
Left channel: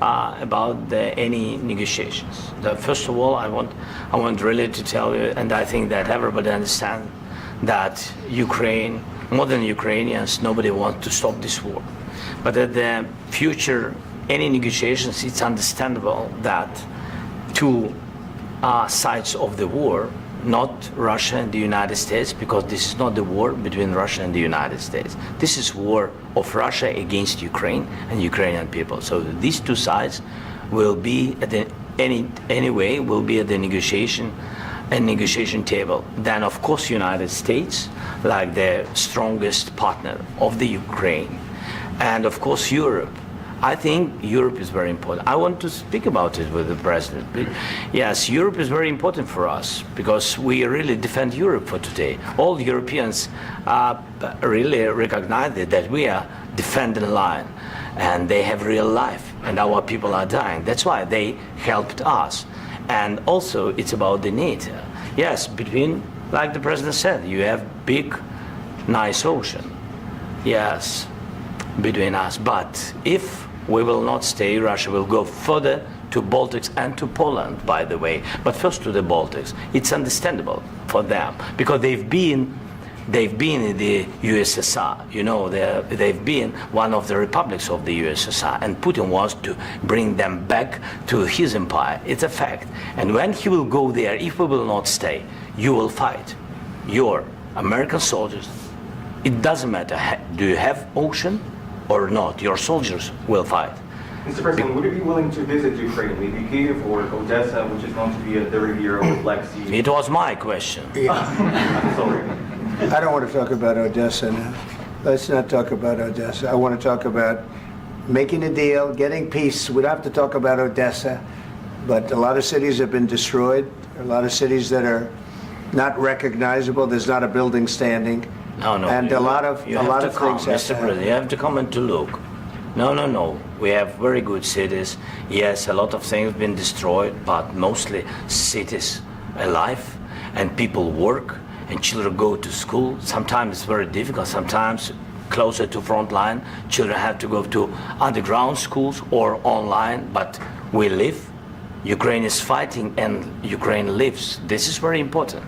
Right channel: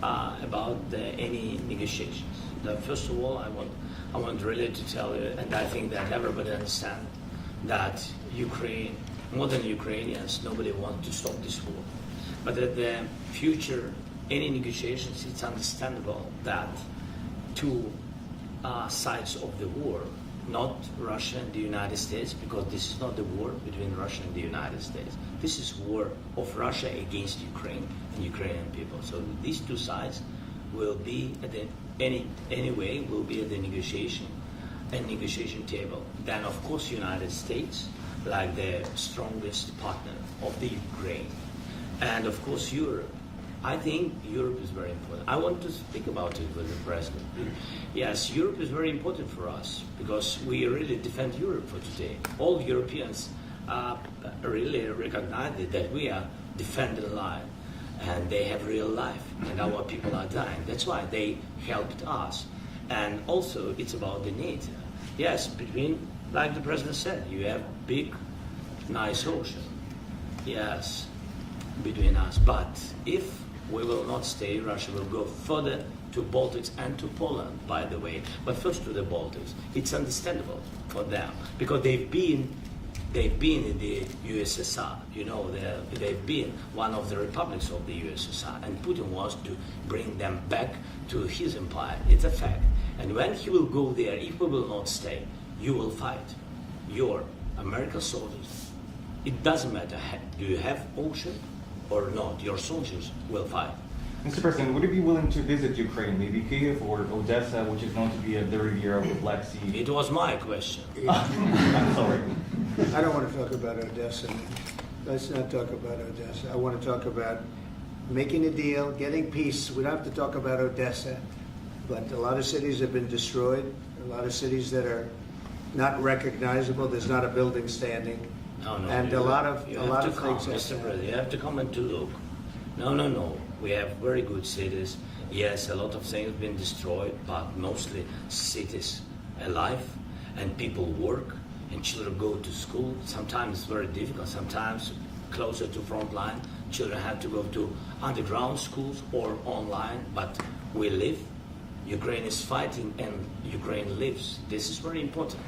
About any negotiations. First of all, I want really to tell you, and I think that everybody understands that Ukraine, modern Ukrainians, nobody wants to stop this war. But at the future, any negotiations, it's understandable that two sides of the war, not Russia and the United States, because this is not the war between Russia and the United States. This is war of Russia against Ukraine and Ukrainian people. So these two sides will be at the anyway will be at the negotiation table. Then of course United States, like the strongest partner of the Ukraine, and of course Europe. I think Europe is very important. I want to speak about it with the president. Yes, Europe is very important for us because we really defend Europe for today. All Europeans really recognize that we are defending line and they have real life and our people are dying. That's why they helped us. And also it's about the NATO. Yes, between, like the president said, you have big, nice ocean. Yes, between us. But if we will not stay, Russia will go further to Baltics and to Poland, by the way. But first to the Baltics. It's understandable for them because they've been in the USSR. You know, they've been one of the republics of the USSR, and Putin wants to bring them back to his empire. It's a fact. And when he will go there, if we will not stay, you will fight. Your American soldiers, it doesn't matter, do you have ocean or not, your soldiers will fight. Mr. President, would you be willing to visit Ukraine, maybe Kyiv or Odessa, which is known to be at the riviera of the Black Sea? It was my question. I'm sorry. I don't want to talk about Odessa now. Let's not talk about Odessa. I want to talk about making a deal, getting peace. We don't have to talk about Odessa, but a lot of cities have been destroyed. A lot of cities that are not recognizable. There's not a building standing. No. And a lot of things have to Mr. President, you have to come and to look. No. We have very good cities. Yes, a lot of things have been destroyed, but mostly cities alive and people work and children go to school. Sometimes it's very difficult. Sometimes closer to front line, children have to go to underground schools or online, but we live. Ukraine is fighting and Ukraine lives. This is very important.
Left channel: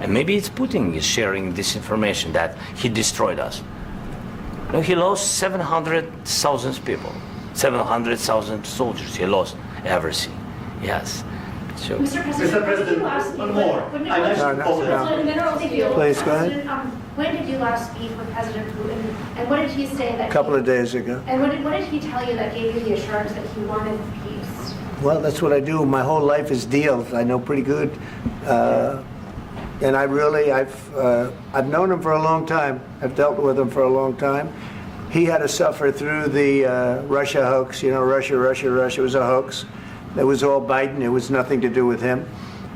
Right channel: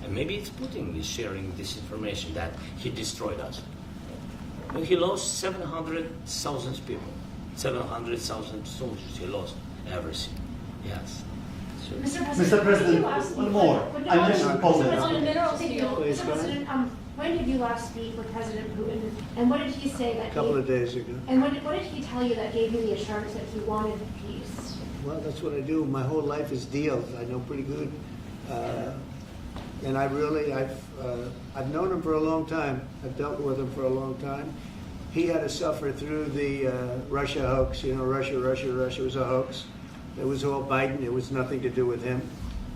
And maybe it's Putin is sharing this information that he destroyed us. No, he lost 700,000 people, 700,000 soldiers. He lost everything. Yes. So, Mr. President, one more. I mentioned Poland. Please, go ahead. When did you last speak with President Putin, and what did he say that? A couple of days ago. And what did he tell you that gave you the assurance that he wanted peace? Well, that's what I do. My whole life is deals. I know pretty good. And I've known him for a long time. I've dealt with him for a long time. He had to suffer through the Russia hoax. You know, Russia was a hoax. It was all Biden. It was nothing to do with him.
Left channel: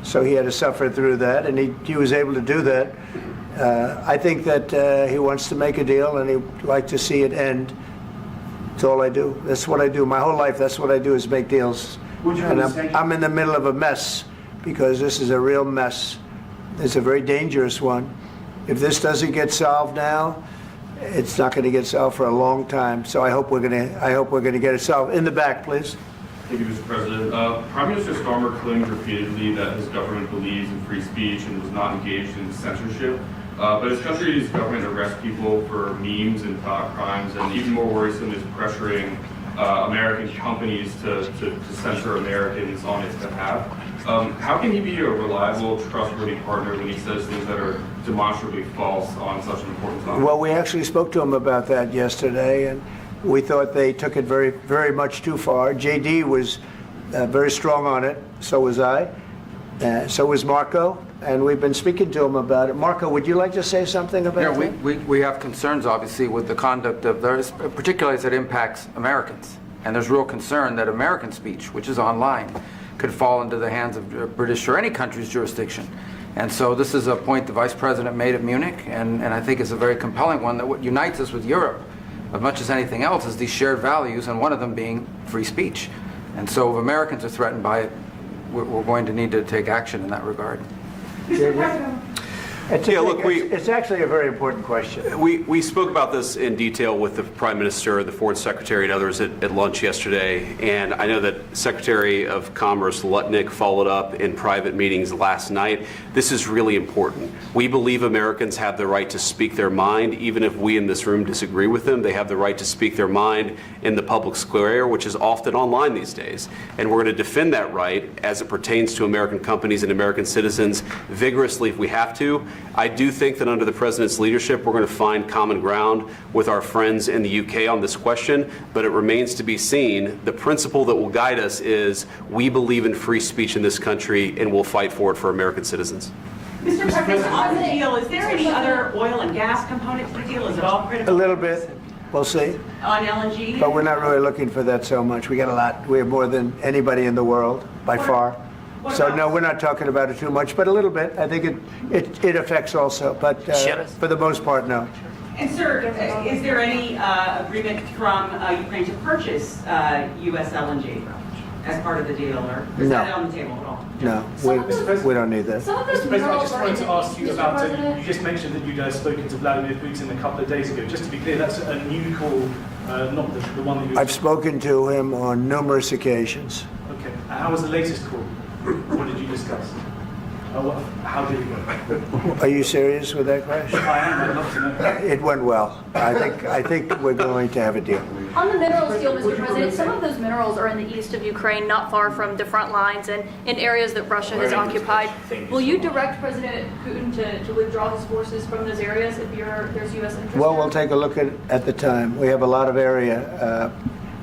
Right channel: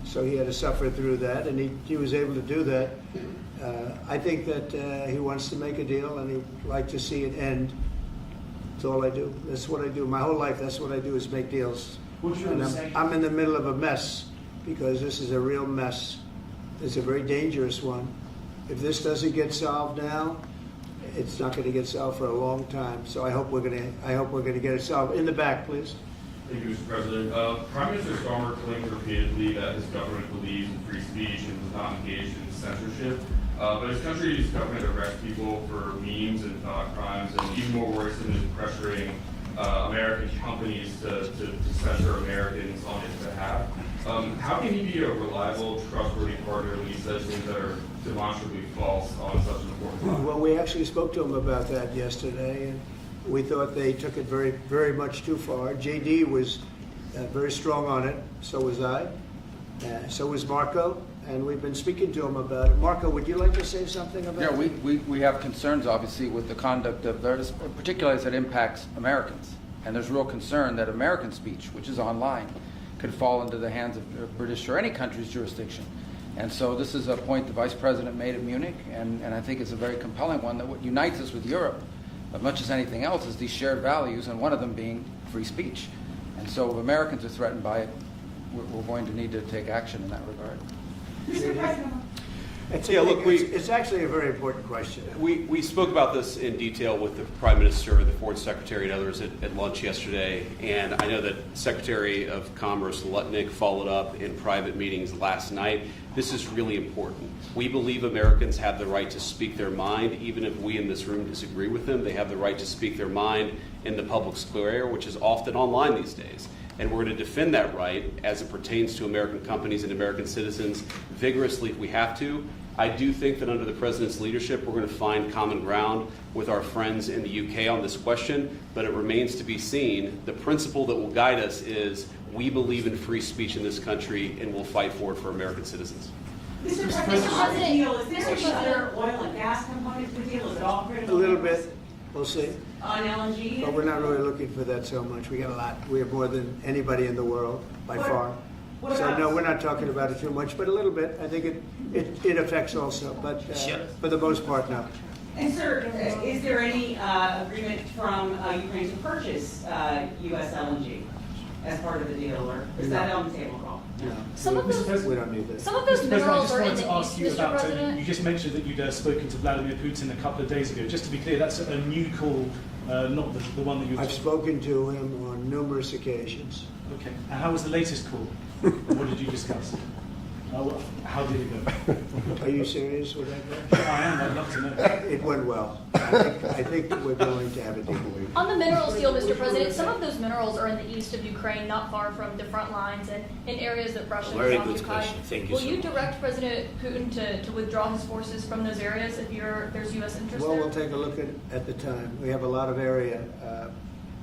So he had to suffer through that, and he was able to do that. I think that he wants to make a deal, and he'd like to see it end. That's all I do. That's what I do. My whole life, that's what I do is make deals. And I'm in the middle of a mess because this is a real mess. It's a very dangerous one. If this doesn't get solved now, it's not going to get solved for a long time. So I hope we're going to get it solved. In the back, please. Thank you, Mr. President. Prime Minister Starmer claimed repeatedly that his government believes in free speech and was not engaged in censorship. But his country's government arrests people for memes and thought crimes, and even more worrisome is pressuring American companies to censor Americans on its behalf. How can he be a reliable, trustworthy partner when he says things that are demonstrably false on such an important topic? Well, we actually spoke to him about that yesterday, and we thought they took it very, very much too far. JD was very strong on it. So was I. So was Marco. And we've been speaking to him about it. Marco, would you like to say something about that? Yeah, we have concerns, obviously, with the conduct of theirs, particularly as it impacts Americans. And there's real concern that American speech, which is online, could fall into the hands of British or any country's jurisdiction. And so this is a point the Vice President made at Munich, and I think it's a very compelling one, that what unites us with Europe, as much as anything else, is these shared values, and one of them being free speech. And so if Americans are threatened by it, we're going to need to take action in that regard. Mr. President. It's actually a very important question. We spoke about this in detail with the Prime Minister, the Foreign Secretary, and others at lunch yesterday. And I know that Secretary of Commerce Lutnick followed up in private meetings last night. This is really important. We believe Americans have the right to speak their mind, even if we in this room disagree with them. They have the right to speak their mind in the public square, which is often online these days. And we're going to defend that right as it pertains to American companies and American citizens vigorously if we have to. I do think that under the President's leadership, we're going to find common ground with our friends in the UK on this question, but it remains to be seen. The principle that will guide us is we believe in free speech in this country, and we'll fight for it for American citizens. Mr. President, on the deal, is there any other oil and gas component to the deal? Is it all critical? A little bit. We'll see. On LNG? But we're not really looking for that so much. We got a lot. We have more than anybody in the world, by far. So no, we're not talking about it too much, but a little bit. I think it affects also, but for the most part, no. And sir, is there any agreement from Ukraine to purchase U.S. LNG as part of the deal, or is that on the table at all? No, we don't need that. Mr. President, I just wanted to ask you about, you just mentioned that you'd spoken to Vladimir Putin a couple of days ago. Just to be clear, that's a new call, not the one that you... I've spoken to him on numerous occasions. Okay, and how was the latest call? What did you discuss? How did it go? Are you serious with that question? I am, I'd love to know. It went well. I think we're going to have a deal. On the minerals deal, Mr. President, some of those minerals are in the east of Ukraine, not far from the front lines and in areas that Russia has occupied. Will you direct President Putin to withdraw his forces from those areas if there's U.S. interest Well, there? we'll take a look at the time. We have a lot of area.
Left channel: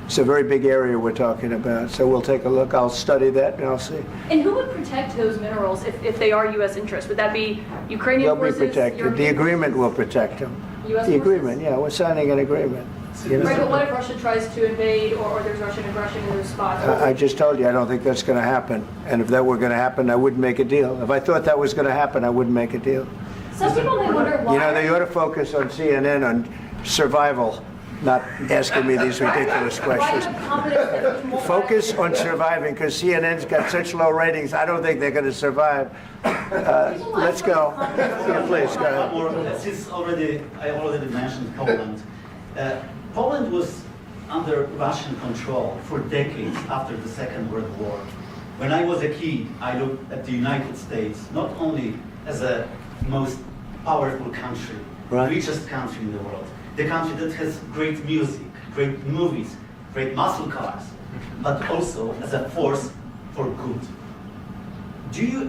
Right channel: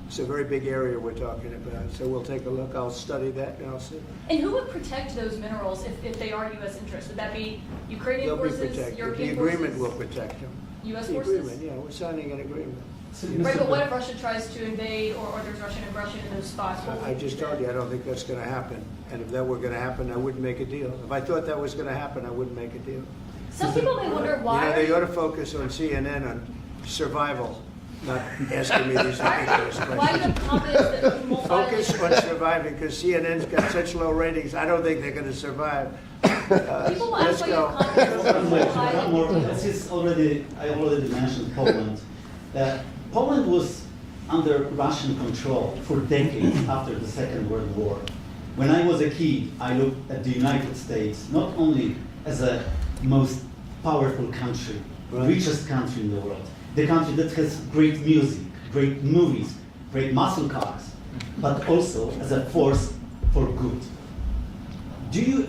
It's a very big area we're talking about, so we'll take a look. I'll study that and I'll see. And who would protect those minerals if they are U.S. interests? Would that be Ukrainian forces? They'll be protected. European The agreement forces? will protect them. U.S. The forces? agreement, yeah, we're signing an agreement. You know? Right, but what if Russia tries to invade or there's Russian aggression in those spots? I just told you, I don't think that's going to happen. And if that were going to happen, I wouldn't make a deal. If I thought that was going to happen, I wouldn't make a deal. Some people may wonder why. You know, they ought to focus on CNN on survival, not asking me these ridiculous questions. Focus on surviving, because CNN's got such low ratings, I don't think they're going to survive. Let's go. Please, go. I already mentioned Poland. Poland was under Russian control for decades after the Second World War. When I was a kid, I looked at the United States not only as a most powerful country, richest country in the world, the country that has great music, great movies, great muscle cars, but also as a force for good.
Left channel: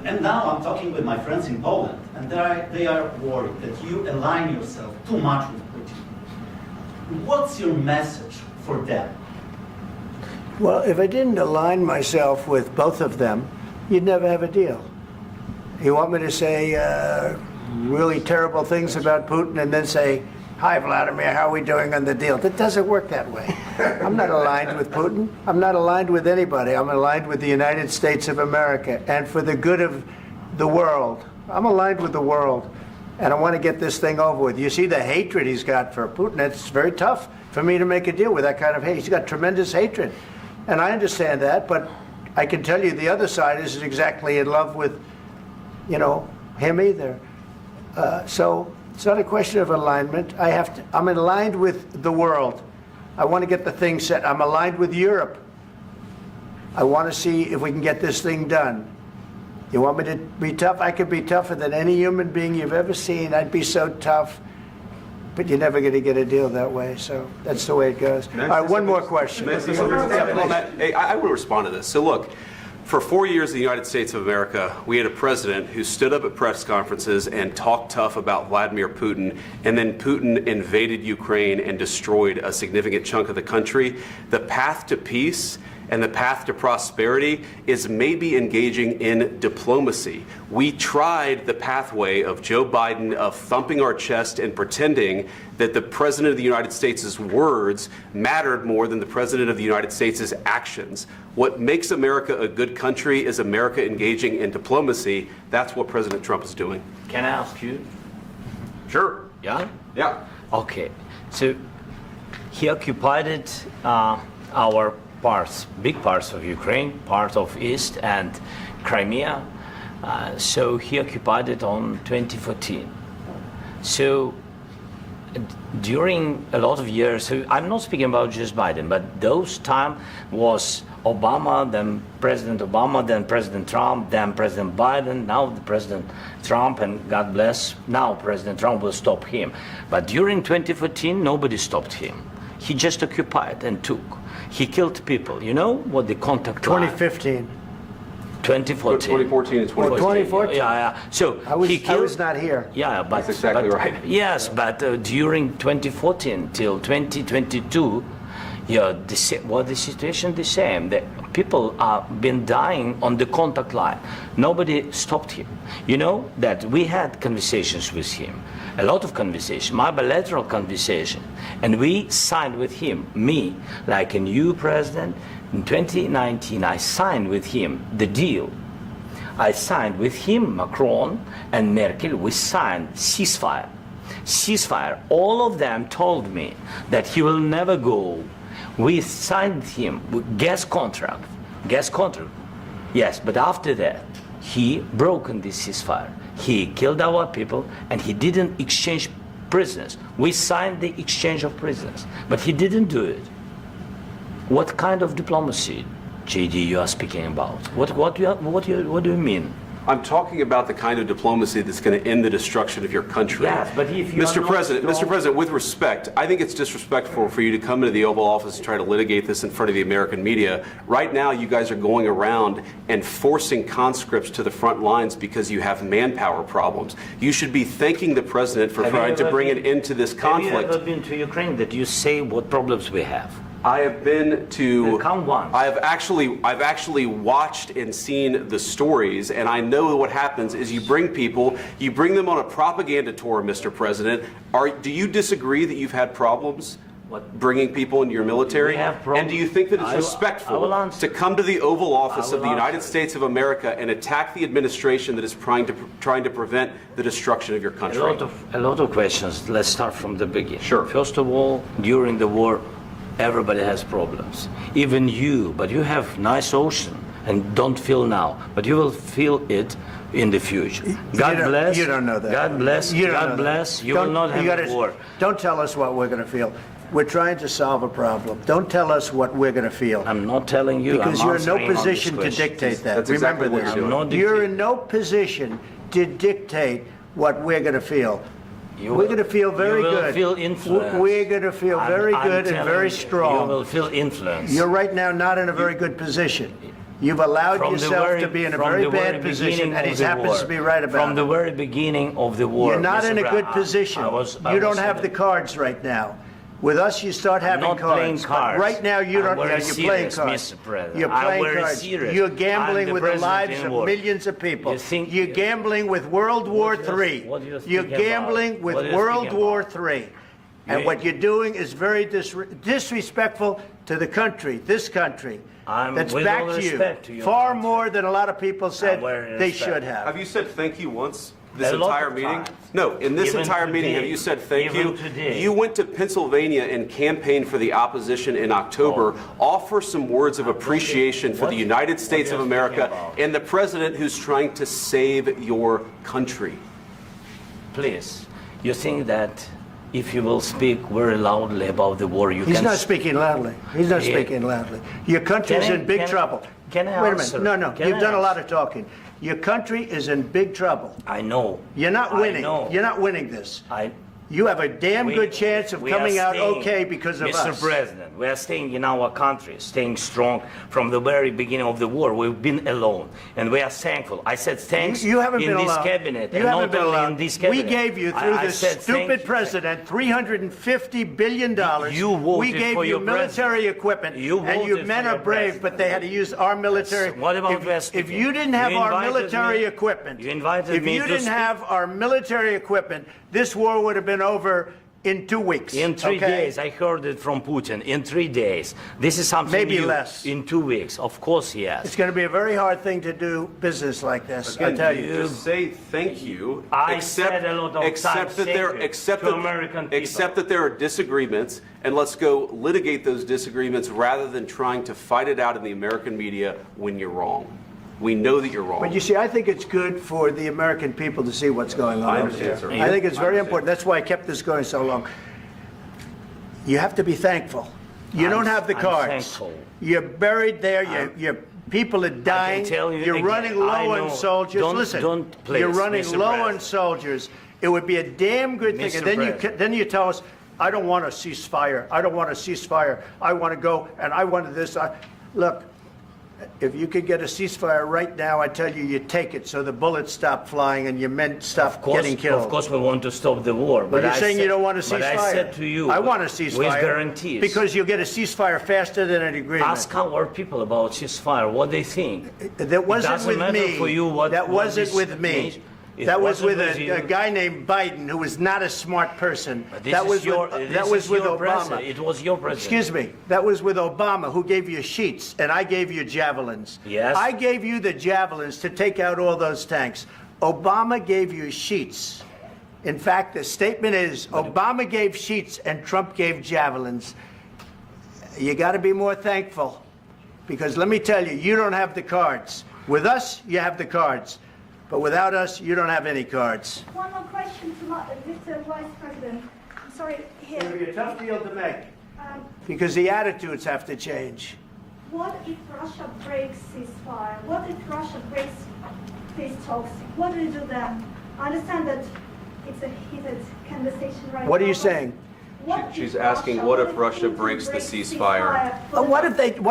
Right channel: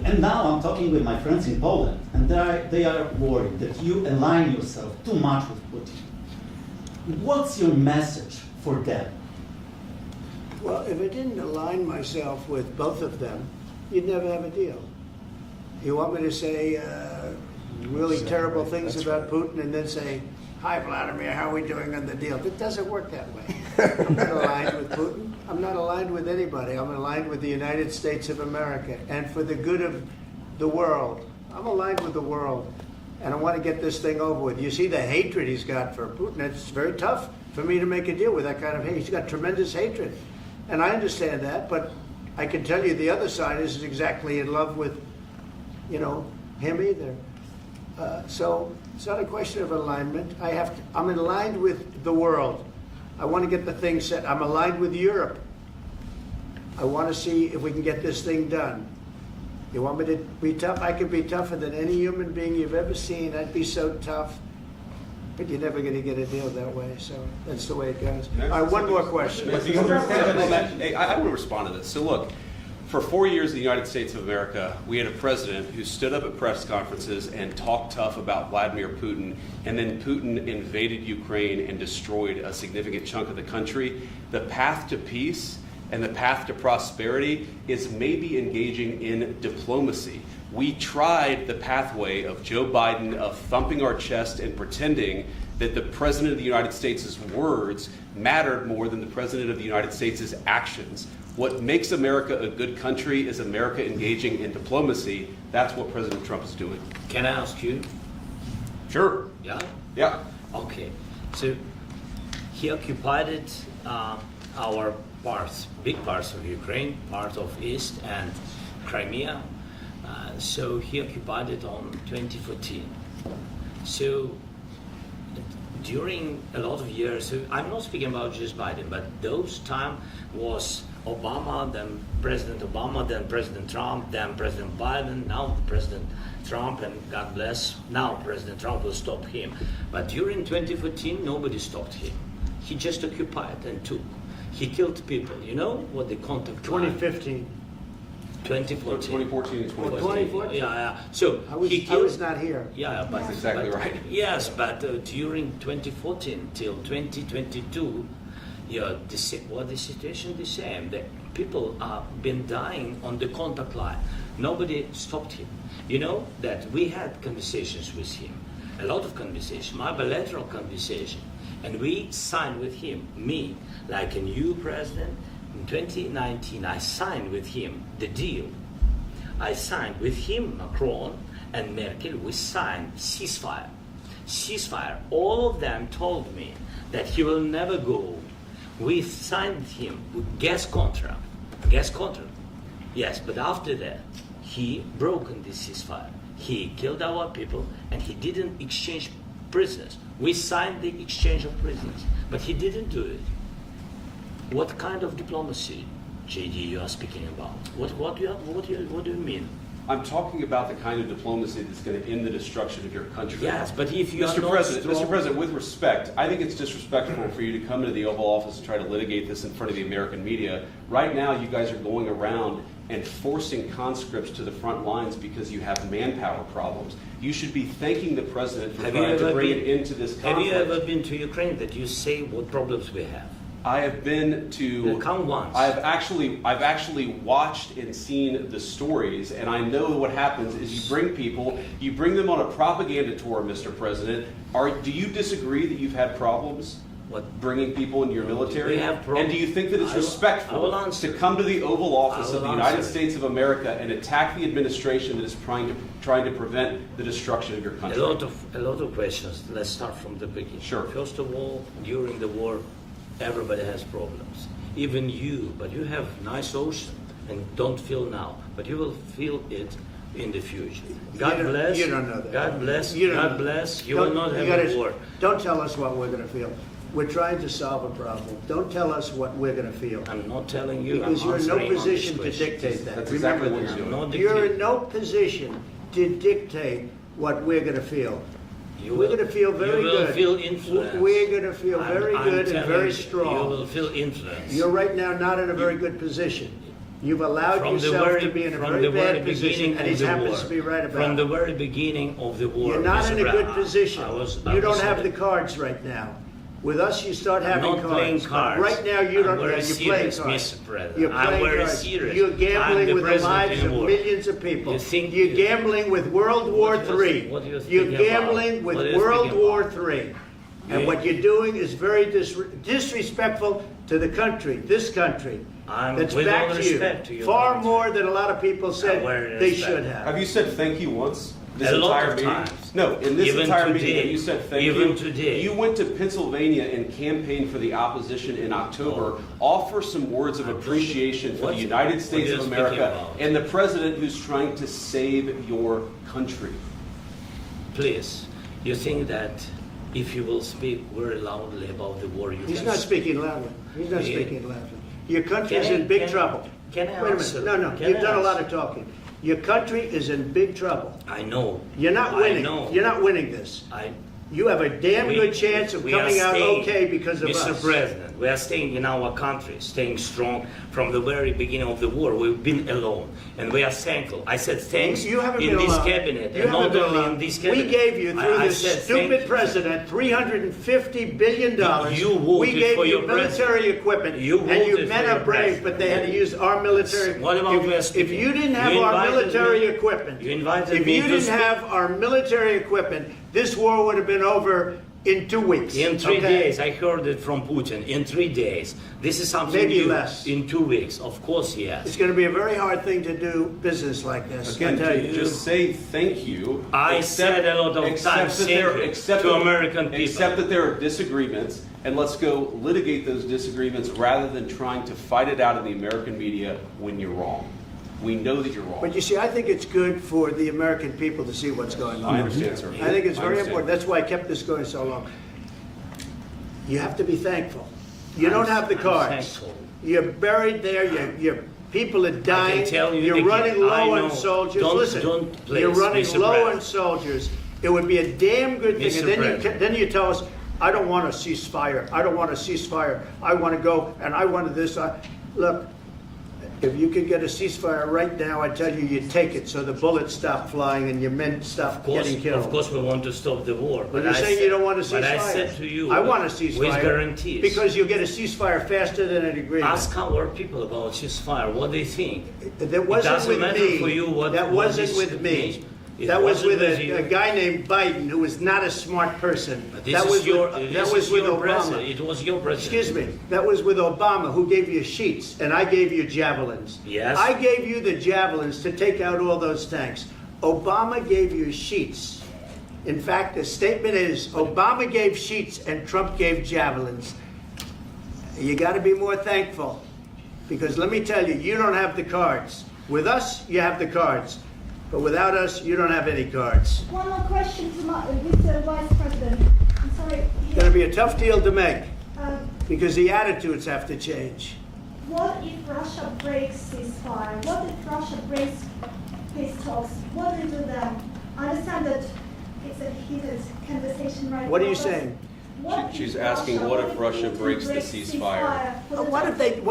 And now I'm talking with my friends in Poland, and they are worried that you align yourself too much with Putin. What's your message for them? Well, if I didn't align myself with both of them, you'd never have a deal. You want me to say really terrible things about Putin and then say, "Hi, Vladimir, how are we doing on the deal?" That doesn't work that way. I'm not aligned with Putin. I'm not aligned with anybody. I'm aligned with the United States of America and for the good of the world. I'm aligned with the world, and I want to get this thing over with. You see the hatred he's got for Putin. It's very tough for me to make a deal with that kind of hate. He's got tremendous hatred, and I understand that, but I can tell you the other side isn't exactly in love with, him either. So it's not a question of alignment. I'm aligned with the world. I want to get the thing set. I'm aligned with Europe. I want to see if we can get this thing done. You want me to be tough? I could be tougher than any human being you've ever seen. I'd be so tough. But you're never going to get a deal that way, so that's the way it goes. All right, one more question. Hey, I will respond to this. So look, for 4 years in the United States of America, we had a president who stood up at press conferences and talked tough about Vladimir Putin, and then Putin invaded Ukraine and destroyed a significant chunk of the country. The path to peace and the path to prosperity is maybe engaging in diplomacy. We tried the pathway of Joe Biden of thumping our chest and pretending that the President of the United States' words mattered more than the President of the United States' actions. What makes America a good country is America engaging in diplomacy. That's what President Trump is doing. Can I ask you? Sure. Yeah? Yeah. Okay. So he occupied it, our parts, big parts of Ukraine, part of East and Crimea. So he occupied it on 2014. So during a lot of years, so I'm not speaking about just Biden, but those time was Obama, then President Obama, then President Trump, then President Biden, now the President Trump, and God bless, now President Trump will stop him. But during 2014, nobody stopped him. He just occupied and took. He killed people. You know what the contact line? 2015. 2014 2014. and 2014. 2014. Yeah. So I was, he killed. I was not here. Yeah, but That's exactly but, right. Yes, but during 2014 till 2022, yeah, the situation the same. The people have been dying on the contact line. Nobody stopped him. You know that we had conversations with him, a lot of conversation, my bilateral conversation, and we signed with him, me, like a new president. In 2019, I signed with him the deal. I signed with him, Macron and Merkel, we signed ceasefire. Ceasefire. All of them told me that he will never go. We signed with him with gas contract. Gas contract. Yes, but after that, he broken this ceasefire. He killed our people and he didn't exchange prisoners. We signed the exchange of prisoners, but he didn't do it. What kind of diplomacy, JD, you are speaking about? What do you mean? I'm talking about the kind of diplomacy that's going to end the destruction of your country. Yes, but if you Mr. President, with respect, I think it's disrespectful for you to come into the Oval Office and try to litigate this in front of the American media. Right now, you guys are going around and forcing conscripts to the front lines because you have manpower problems. You should be thanking the President for trying to bring it into this conflict. Have you ever been to Ukraine that you say what problems we have? I have been to. Count once. I've actually watched and seen the stories, and I know what happens is you bring them on a propaganda tour, Mr. President. Do you disagree that you've had problems bringing people into your military? And do you think that it's respectful to come to the Oval Office of the United States of America and attack the administration that is trying to prevent the destruction of your country? A lot of questions. Let's start from the beginning. Sure. First of all, during the war, everybody has problems. Even you, but you have nice ocean and don't feel now, but you will feel it in the future. God bless. You don't know that. God bless. You don't God know bless. that. You will not have a war. Don't tell us what we're going to feel. We're trying to solve a problem. Don't tell us what we're going to feel. I'm not telling you. Because I'm you're in no answering on position this to question. dictate that. That's Remember exactly what this. you're doing. You're in no position to dictate what we're going to feel. We're going to feel very you will good. Feel influence. We're going to feel very good and very You strong. will feel influence. You're right now not in a very good position. You've allowed yourself to be in a very bad position, and he happens to be right about it. From the very beginning of the war. You're not in a good position. You don't have the the cards right now. With us, you start having not cards. playing cards. Right now, you don't. I'm very You're playing serious, cards. Mr. President. You're I'm playing very cards. serious. You're I'm gambling the with the president lives in of war. millions of people. You think You're you- gambling with World War III. what you're You're speaking gambling about? with What you're World speaking War about? III. And You- what you're doing is very disrespectful to the country, this country. I'm That's with back all to you. respect to your Far country. more than a lot of people said very they respect. should have. Have you said thank you once? This A lot entire of meeting? times. No, in this Even entire meeting, today. have you said thank Even you? today. You went to Pennsylvania and campaigned for the opposition in October. Offer some words of appreciation for the United States what of you're speaking America about. and the president who's trying to save your country. Please, you think that if you will speak very loudly about the war, you He's can... not speaking loudly. He's not Yeah. speaking loudly. Your country's Can I- in big can- trouble. Can I Wait a answer? minute. No, Can you've I done a lot answer? of talking. Your country is in big trouble. I know. You're not I winning. know. You're not winning this. You have a damn good chance of coming out okay because of us. Mr. President, we are staying in our country, staying strong from the very beginning of the war. We've been alone, and we are thankful. I said thanks You haven't in been this alone. cabinet, You and haven't not been only alone. in this cabinet. We gave you, through I this said stupid president, $350 billion. You voted we gave for you your military equipment, You and you voted men for are your brave, president. but they had to use our military. What about West If you didn't have You our invited military me- equipment, You invited if me you to didn't speak. have our military equipment, this war would have been over in 2 weeks. In 3 okay? days, I heard it from Putin. In 3 days, this is something Maybe new. less. In 2 weeks, of course, yes. It's going to be a very hard thing to do business like this. I Again, tell you. just say thank you. I said a lot of times thank you to American people. Accept that there are disagreements, and let's go litigate those disagreements rather than trying to fight it out in the American media when you're wrong. We know that you're wrong. But you see, I think it's good for the American people to see what's going on. I understand, sir. I think it's I very understand. important. That's why I kept this going so long. You have to be thankful. You don't have the I'm cards. thankful. You're buried there. Your people are dying. tell you You're again, running I low know. on soldiers. Don't- Listen, don't please, you're running Mr. low President. on soldiers. It would be a damn good thing. Mr. And President. then you tell us, I don't want a ceasefire. I don't want a ceasefire. I want to go and I want this. Look, if you could get a ceasefire right now, I tell you, you take it so the bullets stop flying and your men stop getting killed. Of course, we want to stop the war. But you're saying you don't want a ceasefire. But I said to you, I want a ceasefire. with guarantees. Because you'll get a ceasefire faster than an agreement. Ask our people about ceasefire, what they think. That wasn't it doesn't with matter me. for you what That what wasn't this with me. means. It That was wasn't with you. a guy named Biden who was not a smart person. This That is was your, with, this that was is with your Obama. president. It was your president. Excuse me. That was with Obama, who gave you sheets, and I gave you javelins. Yes. I gave you the javelins to take out all those tanks. Obama gave you sheets. In fact, the statement is Obama gave sheets and Trump gave javelins. You got to be more thankful, because let me tell you, you don't have the cards. With us, you have the cards. But without us, you don't have any cards. One more question to Mr. Vice President. I'm sorry. It's going to be a tough deal to make, Um, because the attitudes have to change. What if Russia breaks ceasefire? What if Russia breaks peace talks? What do you do then? I understand that it's a heated conversation right now. What are you but saying? what She's if asking, what if Russia Putin breaks the ceasefire? What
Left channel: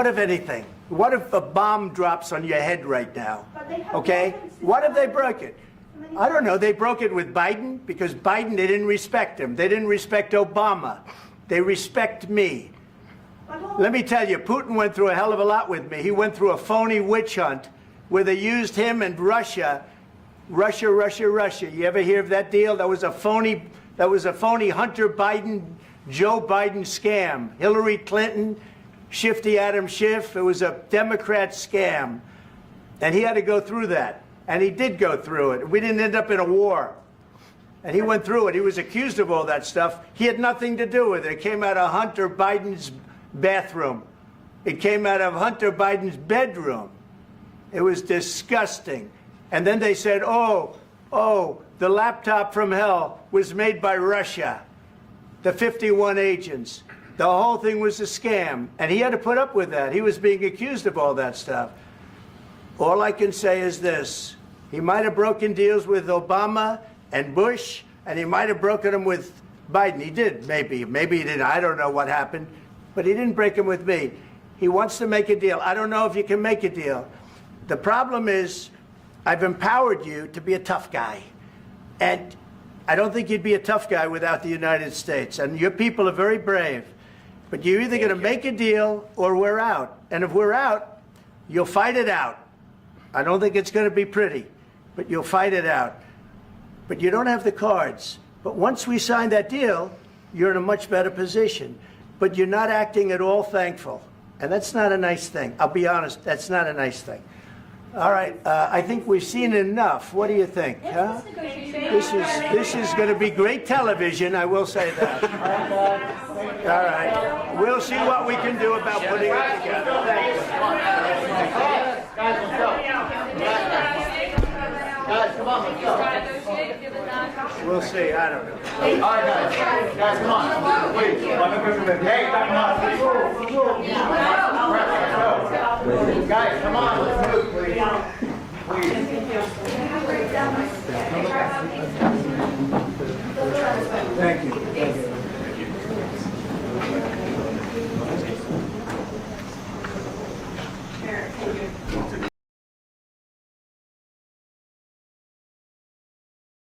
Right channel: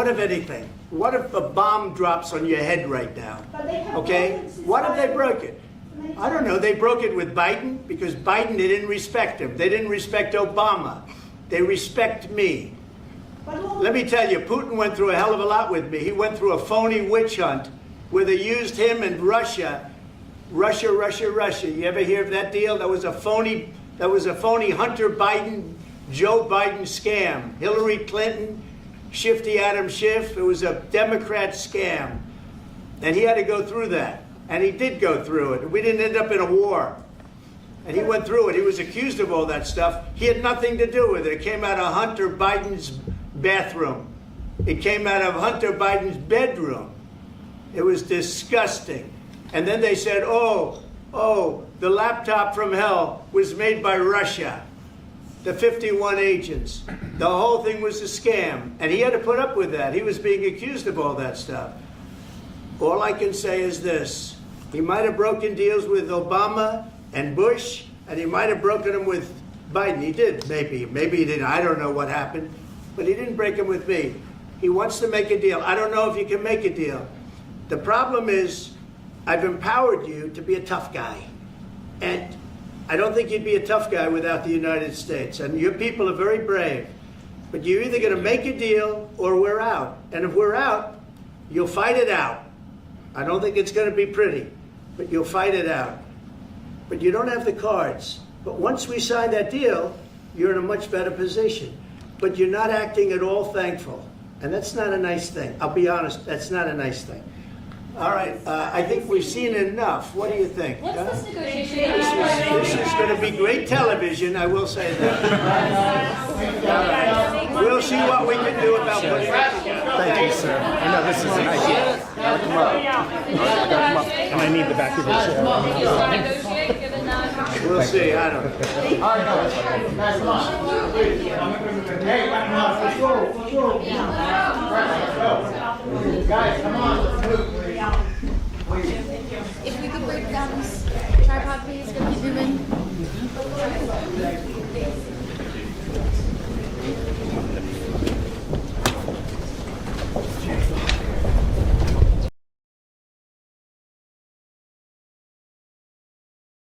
if anything? What if a bomb drops on your head right now? But they have Okay? broken ceasefire What if they broke it? many I don't know. times. They broke it with Biden because Biden, they didn't respect him. They didn't respect Obama. They respect me. But what- Let me tell you, Putin went through a hell of a lot with me. He went through a phony witch hunt where they used him and Russia. Russia. You ever hear of that deal? That was a phony Hunter Biden, Joe Biden scam. Hillary Clinton, Shifty Adam Schiff. It was a Democrat scam. And he had to go through that. And he did go through it. We didn't end up in a war. And he went through it. He was accused of all that stuff. He had nothing to do with it. It came out of Hunter Biden's bathroom. It came out of Hunter Biden's bedroom. It was disgusting. And then they said, oh, the laptop from hell was made by Russia. The 51 agents. The whole thing was a scam. And he had to put up with that. He was being accused of all that stuff. All I can say is this. He might have broken deals with Obama and Bush, and he might have broken them with Biden. He did, maybe. Maybe he didn't. I don't know what happened. But he didn't break them with me. He wants to make a deal. I don't know if you can make a deal. The problem is, I've empowered you to be a tough guy. And I don't think you'd be a tough guy without the United States. And your people are very brave. But you're either going to make a deal or we're out. And if we're out, you'll fight it out. I don't think it's going to be pretty, but you'll fight it out. But you don't have the cards. But once we sign that deal, you're in a much better position. But you're not acting at all thankful. And that's not a nice thing. I'll be honest, that's not a nice thing. All right, I think we've seen enough. What do you think? What's huh? this negotiation? This is going to be great television, I will say that. All right. We'll see what we can do about putting it together. Thank you, sir. And I need the back of this. We'll see. I don't know. All right, guys, come on. Wait, hey, let's go. Guys, come on, let's move, please.